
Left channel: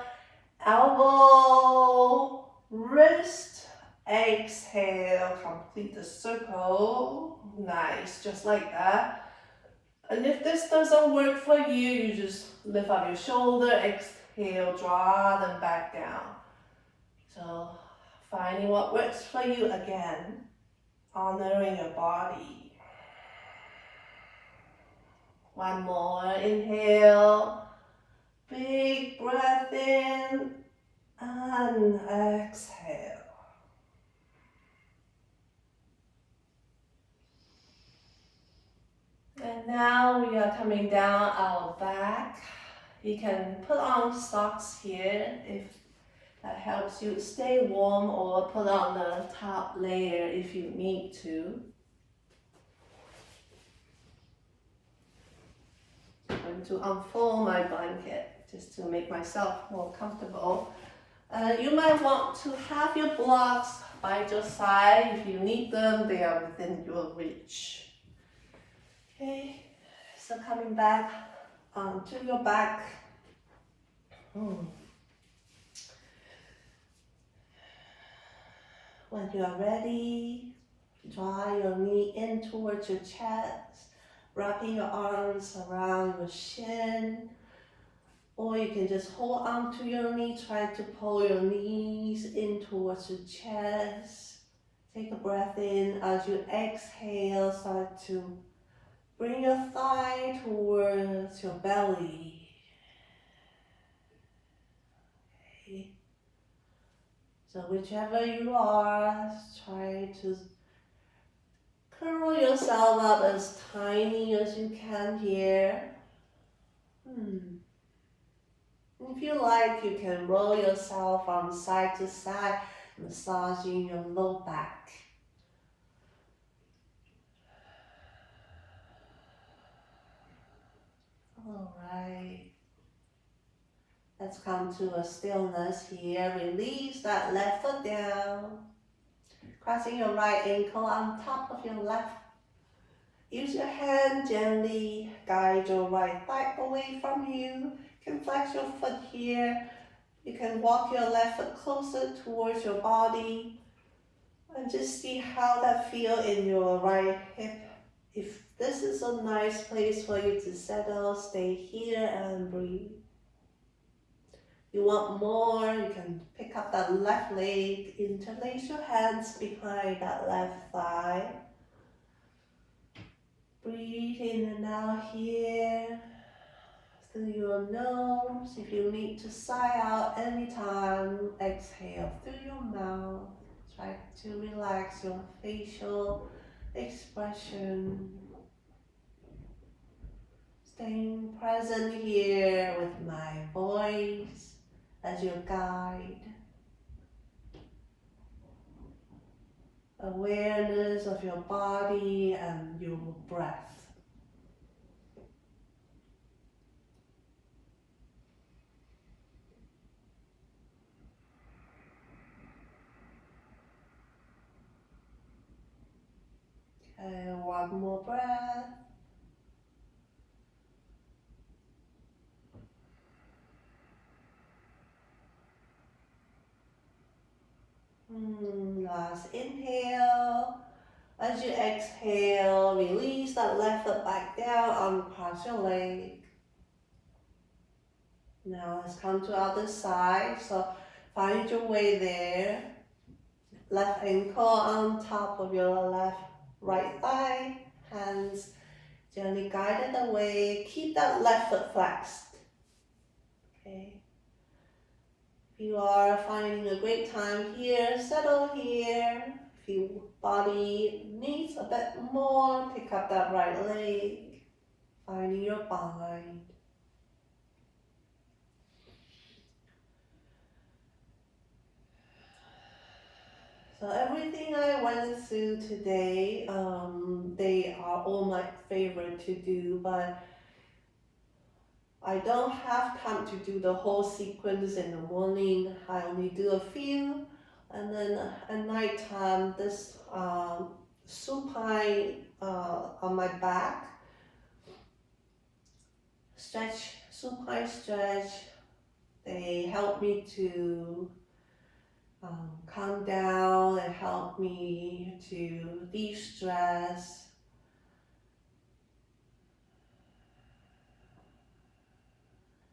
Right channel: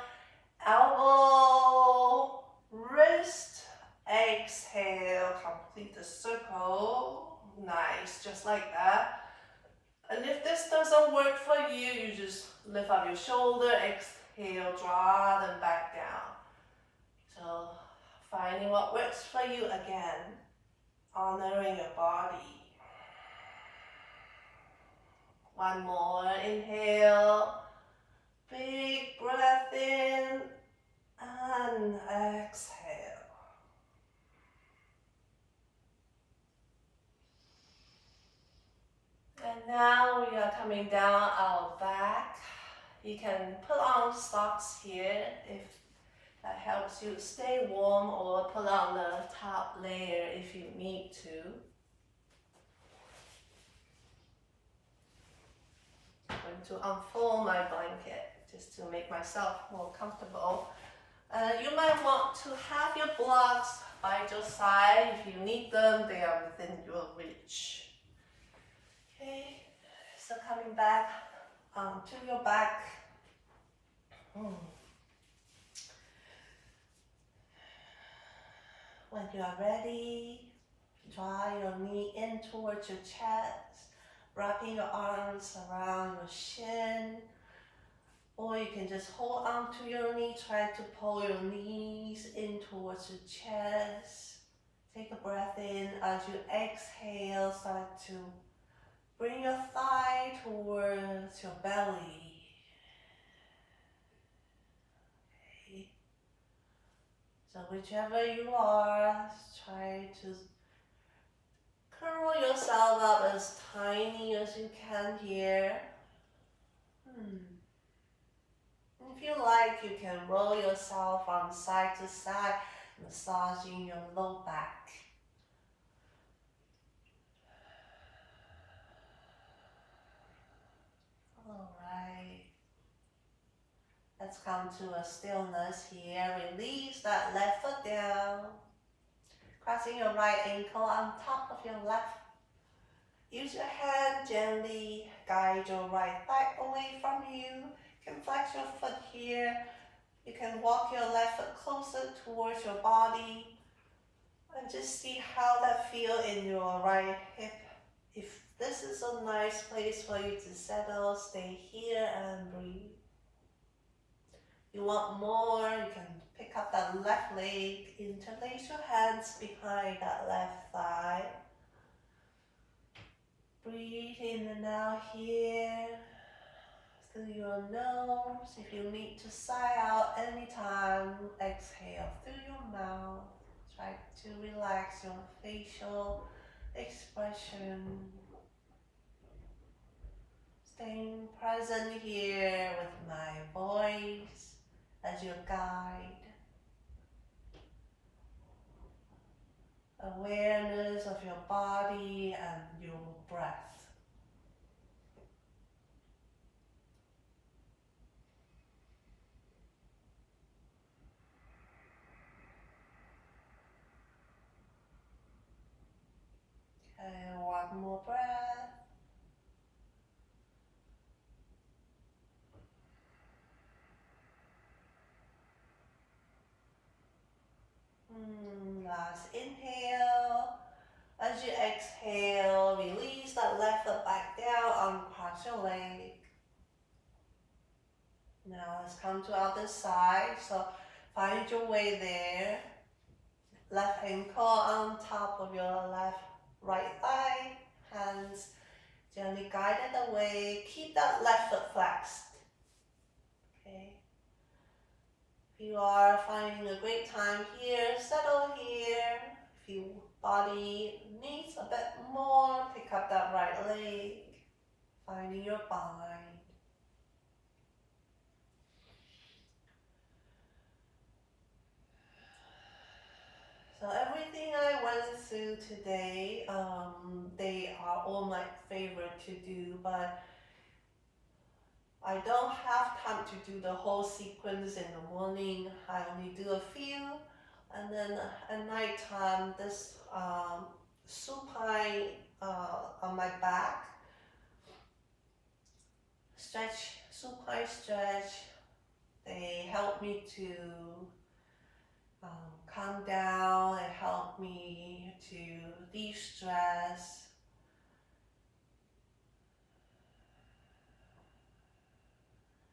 elbow, wrist, exhale, complete the circle. Nice, just like that. And if this doesn't work for you, you just lift up your shoulder, exhale, draw them back down. So finding what works for you again, honoring your body. One more, inhale, big breath in, and exhale. And now we are coming down our back. You can put on socks here if that helps you stay warm, or put on the top layer if you need to. I'm going to unfold my blanket just to make myself more comfortable. You might want to have your blocks by your side. If you need them, they are within your reach. Okay, so coming back to your back. When you are ready, draw your knee in towards your chest, wrapping your arms around your shin. Or you can just hold on to your knee, try to pull your knees in towards your chest. Take a breath in. As you exhale, start to bring your thigh towards your belly. Okay. So whichever you are, try to curl yourself up as tiny as you can here. If you like, you can roll yourself from side to side, massaging your low back. Alright. Let's come to a stillness here. Release that left foot down. Crossing your right ankle on top of your left. Use your hand gently guide your right thigh away from you. You can flex your foot here. You can walk your left foot closer towards your body. And just see how that feels in your right hip. If this is a nice place for you to settle, stay here and breathe. You want more, you can pick up that left leg, interlace your hands behind that left thigh. Breathe in and out here, through your nose. If you need to sigh out anytime, exhale through your mouth. Try to relax your facial expression. Staying present here with my voice as your guide. Awareness of your body and your breath. Okay, one more breath. Last inhale. As you exhale, release that left foot back down, uncross your leg. Now let's come to other side. So find your way there. Left ankle on top of your right thigh. Hands gently guided away. Keep that left foot flexed. Okay. If you are finding a great time here, settle here. If your body needs a bit more, pick up that right leg, finding your bind. So everything I went went through today, they are all my favorite to do, but I don't have time to do the whole sequence in the morning. I only do a few, and then at night time, this supine on my back, stretch, supine stretch, they help me to calm down and help me to de-stress.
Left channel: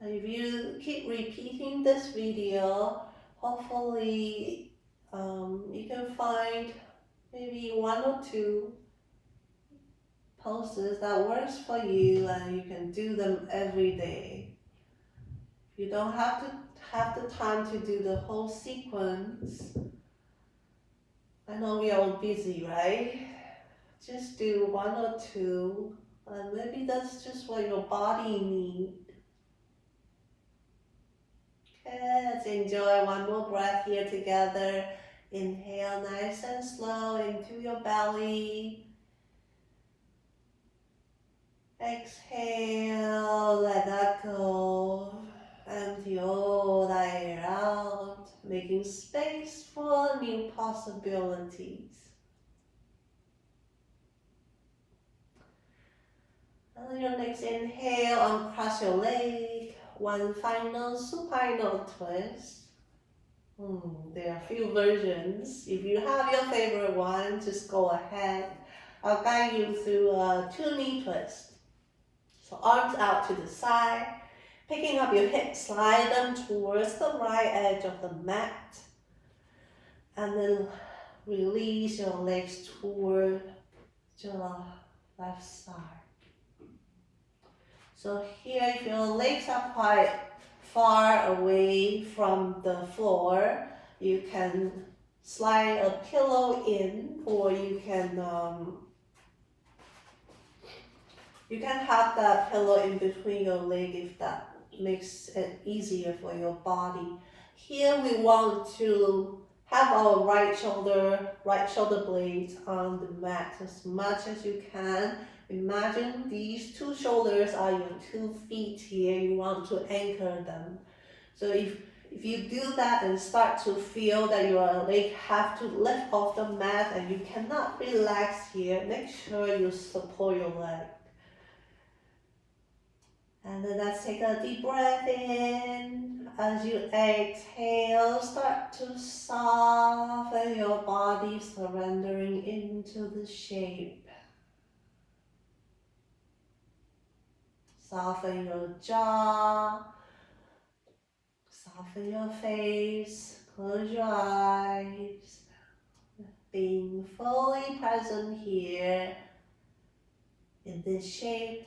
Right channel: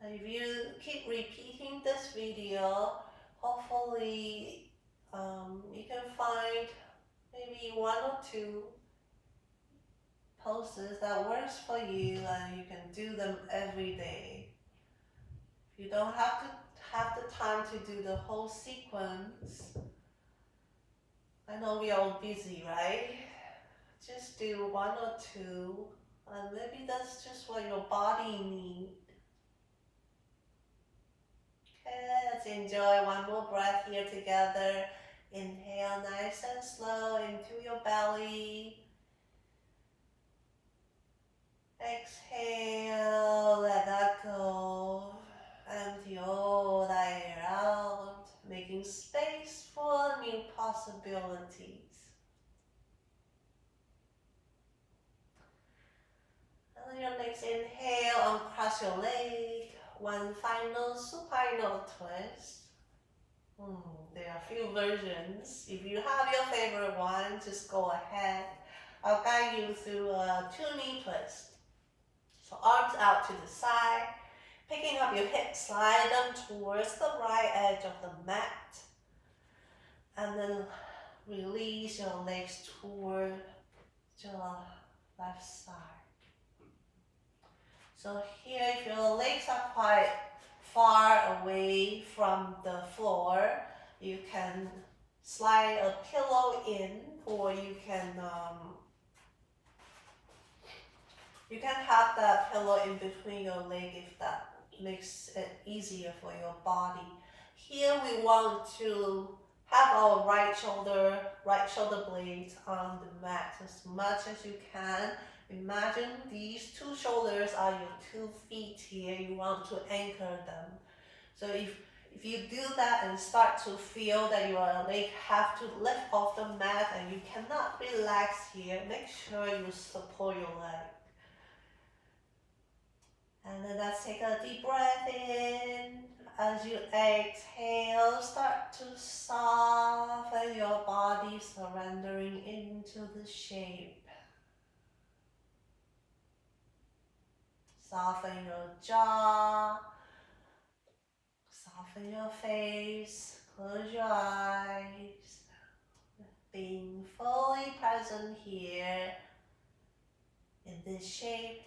And if you keep repeating this video, hopefully you can find maybe one or two poses that works for you, and you can do them every day. You don't have to have the time to do the whole sequence. I know we are all busy, right? Just do one or two, and maybe that's just what your body needs. Okay, let's enjoy one more breath here together. Inhale nice and slow into your belly. Exhale, let that go. Empty all that air out, making space for new possibilities. And then your next inhale, uncross your leg. One final supinal twist. There are a few versions. If you have your favorite one, just go ahead. I'll guide you through a 2-knee twist. So arms out to the side, picking up your hips, slide them towards the right edge of the mat, and then release your legs toward your left side. So here, if your legs are quite far away from the floor, you can slide a pillow in, or you can have that pillow in between your leg if that makes it easier for your body. Here we want to have our right shoulder blades on the mat as much as you can. Imagine these two shoulders are your 2 feet here. You want to anchor them. So if you do that and start to feel that your leg have to lift off the mat and you cannot relax here, make sure you support your leg. And then let's take a deep breath in. As you exhale, start to soften your body, surrendering into the shape. Soften your jaw, soften your face, close your eyes. Being fully present here in this shape,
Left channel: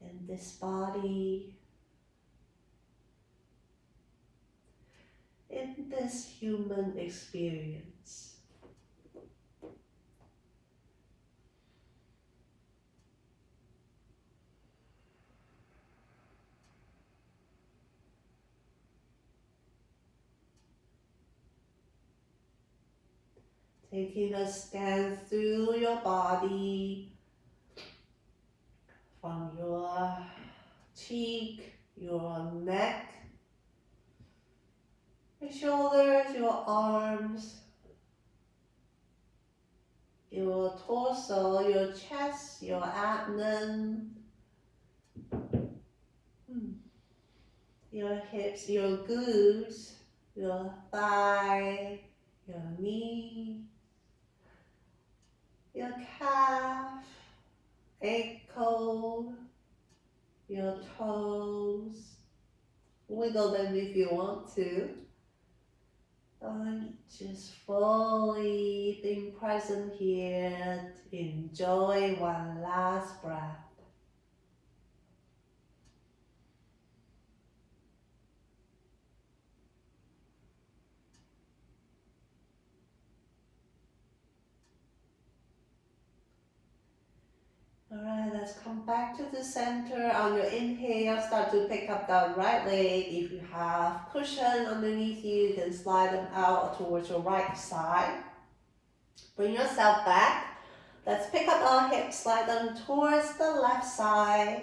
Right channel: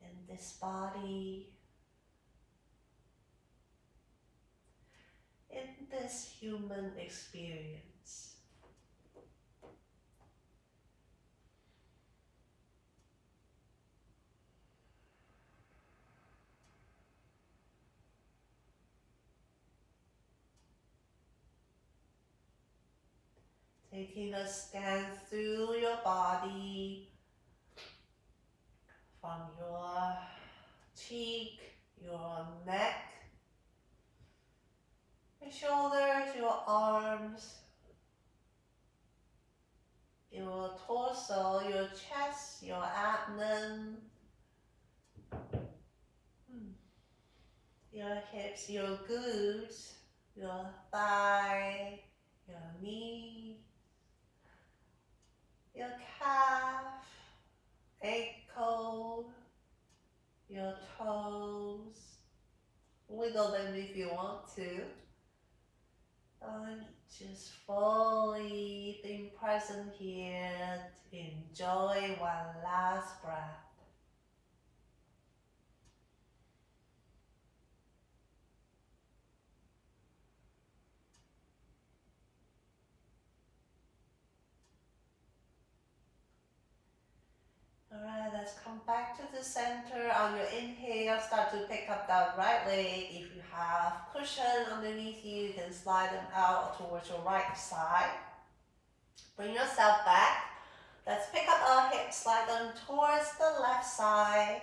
in this body, in this human experience. Taking a scan through your body, from your cheek, your neck, your shoulders, your arms, your torso, your chest, your abdomen, your hips, your glutes, your thigh, your knee, your calf, ankle, your toes. Wiggle them if you want to. And just fully being present here. Enjoy one last breath. Alright, Let's come back to the center. On your inhale, start to pick up that right leg. If you have cushion underneath you, you can slide them out towards your right side. Bring yourself back. Let's pick up our hips, slide them towards the left side.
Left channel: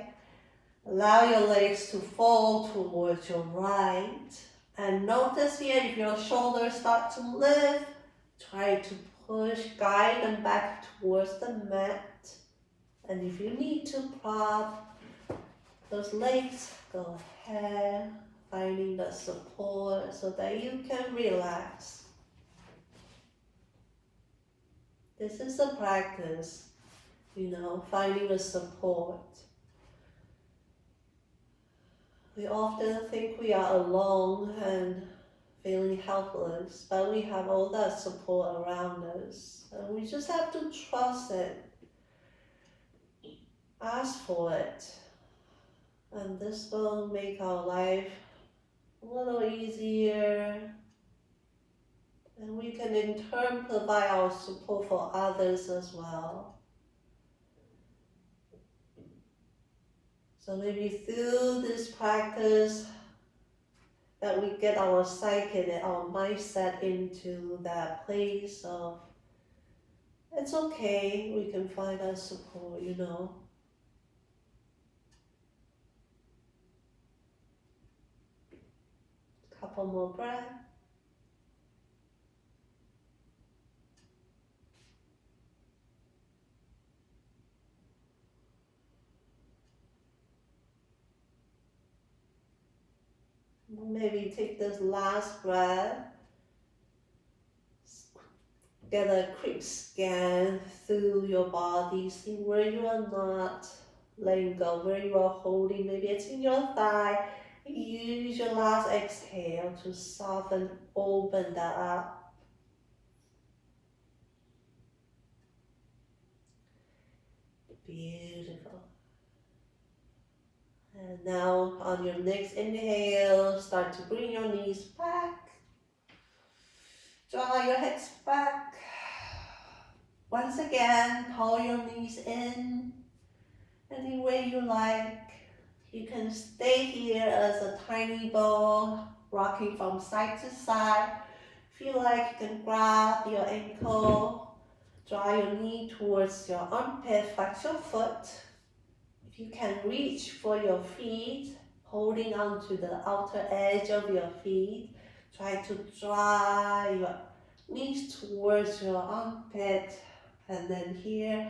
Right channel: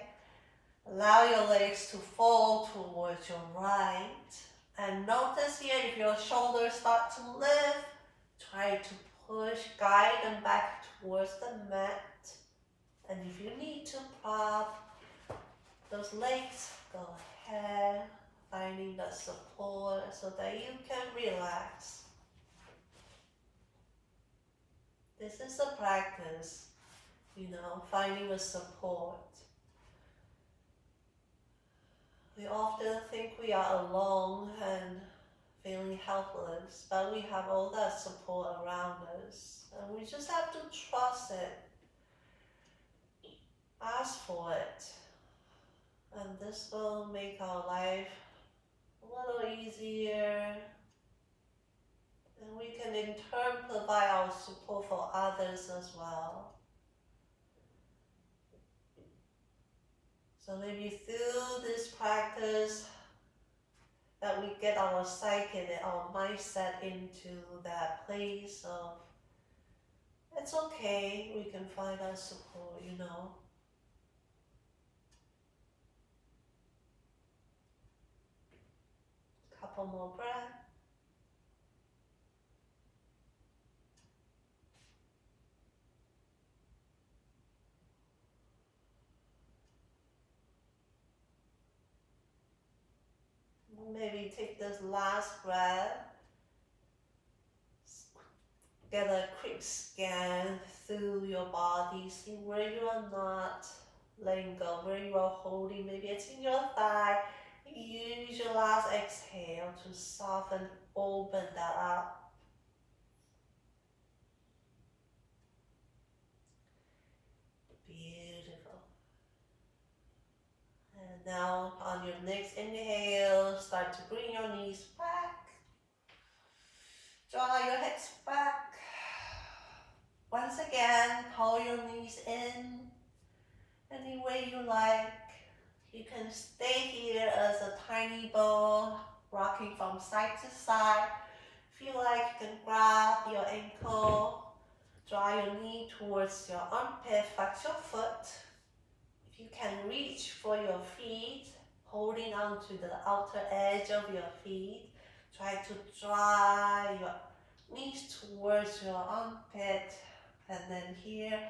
Allow your legs to fall towards your right. And notice here, if your shoulders start to lift, try to push, guide them back towards the mat. And if you need to prop those legs, go ahead, finding the support so that you can relax. This is a practice, finding the support. We often think we are alone and feeling helpless, but we have all that support around us. And we just have to trust it. Ask for it. And this will make our life a little easier. And we can in turn provide our support for others as well. So maybe through this practice that we get our psyche and our mindset into that place of, it's okay, we can find our support, Couple more breaths. Maybe take this last breath. Get a quick scan through your body. See where you are not letting go, where you are holding. Maybe it's in your thigh. Use your last exhale to soften, open that up. Beautiful. And now on your next inhale, start to bring your knees back. Draw your hips back. Once again, pull your knees in any way you like. You can stay here as a tiny ball, rocking from side to side. Feel like you can grab your ankle, draw your knee towards your armpit, flex your foot. If you can reach for your feet, holding on to the outer edge of your feet, try to draw your knees towards your armpit. And then here,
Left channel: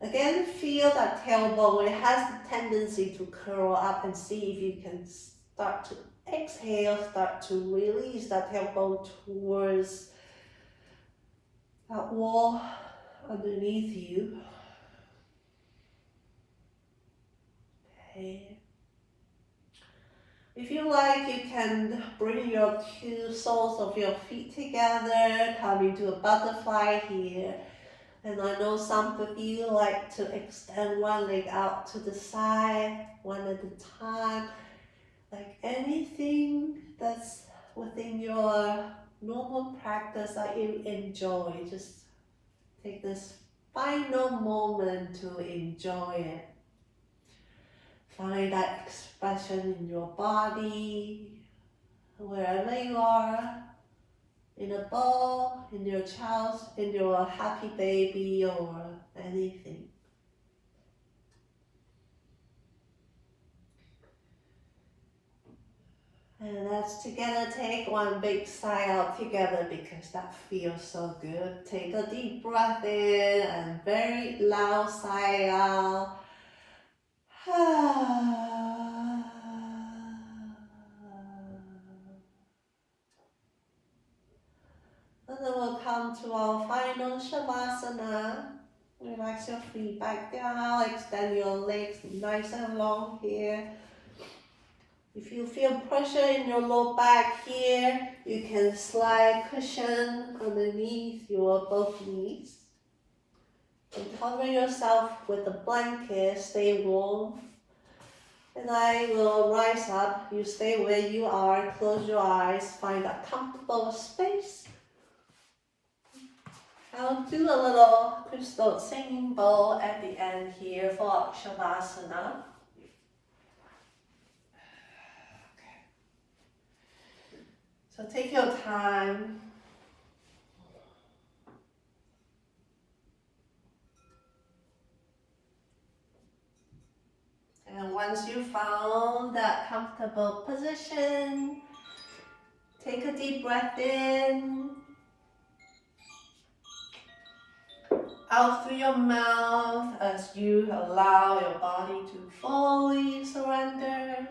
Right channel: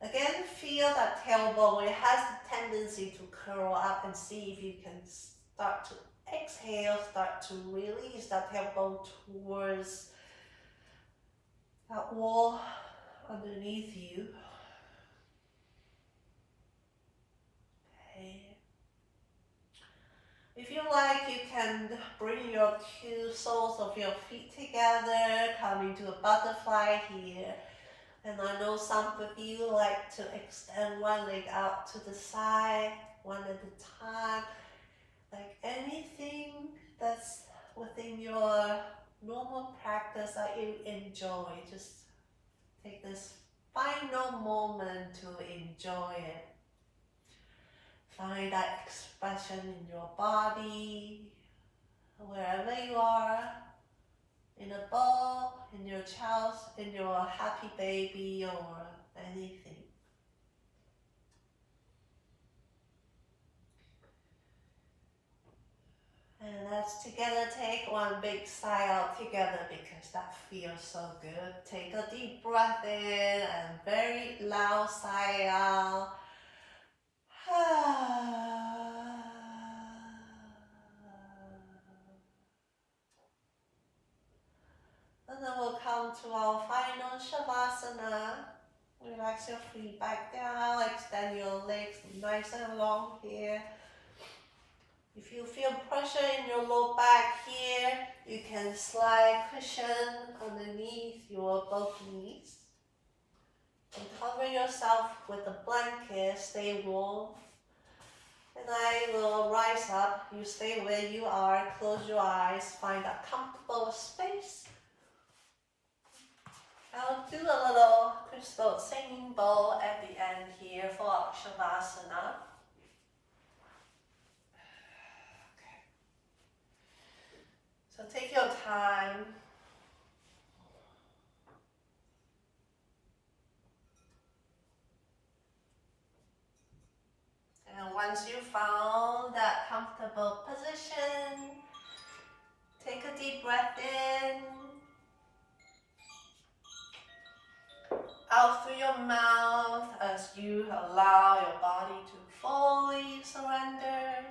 again, feel that tailbone. It has the tendency to curl up, and see if you can start to exhale, start to release that tailbone towards that wall underneath you. Okay. If you like, you can bring your two soles of your feet together, come into a butterfly here. And I know some of you like to extend one leg out to the side, one at a time. Like anything that's within your normal practice that you enjoy, just take this final moment to enjoy it. Find that expression in your body, wherever you are. In a ball, in your child, in your happy baby, or anything. And let's together take one big sigh out together, because that feels so good. Take a deep breath in and very loud sigh out. And then we'll come to our final Shavasana. Relax your feet back down, extend your legs nice and long here. If you feel pressure in your low back here, you can slide cushion underneath your both knees. And cover yourself with a blanket, stay warm. And I will rise up, you stay where you are, close your eyes, find a comfortable space. I'll do a little crystal singing bowl at the end here for Shavasana. So take your time. And once you found that comfortable position, take a deep breath in, out through your mouth as you allow your body to fully surrender.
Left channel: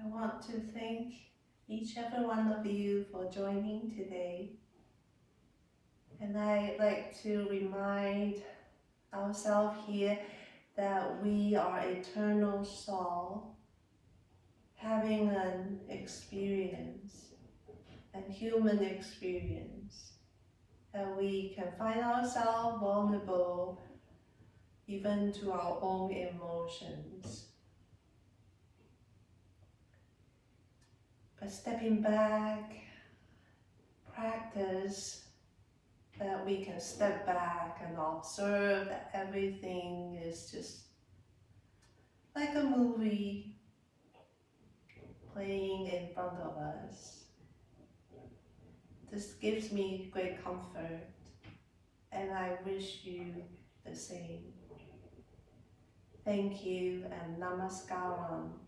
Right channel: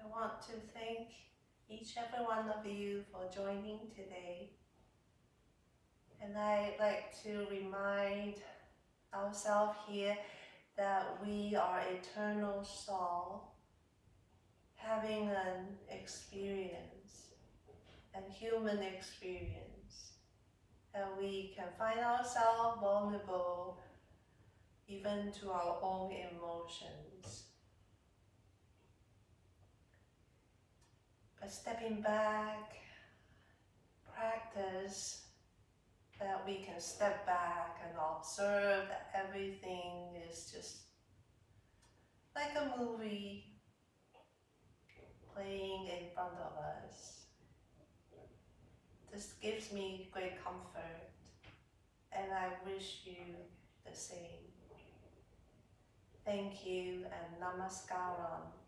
I want to thank each and every one of you for joining today. And I'd like to remind ourselves here that we are eternal soul having an experience, a human experience, and we can find ourselves vulnerable even to our own emotions. But stepping back, practice that we can step back and observe that everything is just like a movie playing in front of us. This gives me great comfort, and I wish you the same. Thank you and Namaskaram.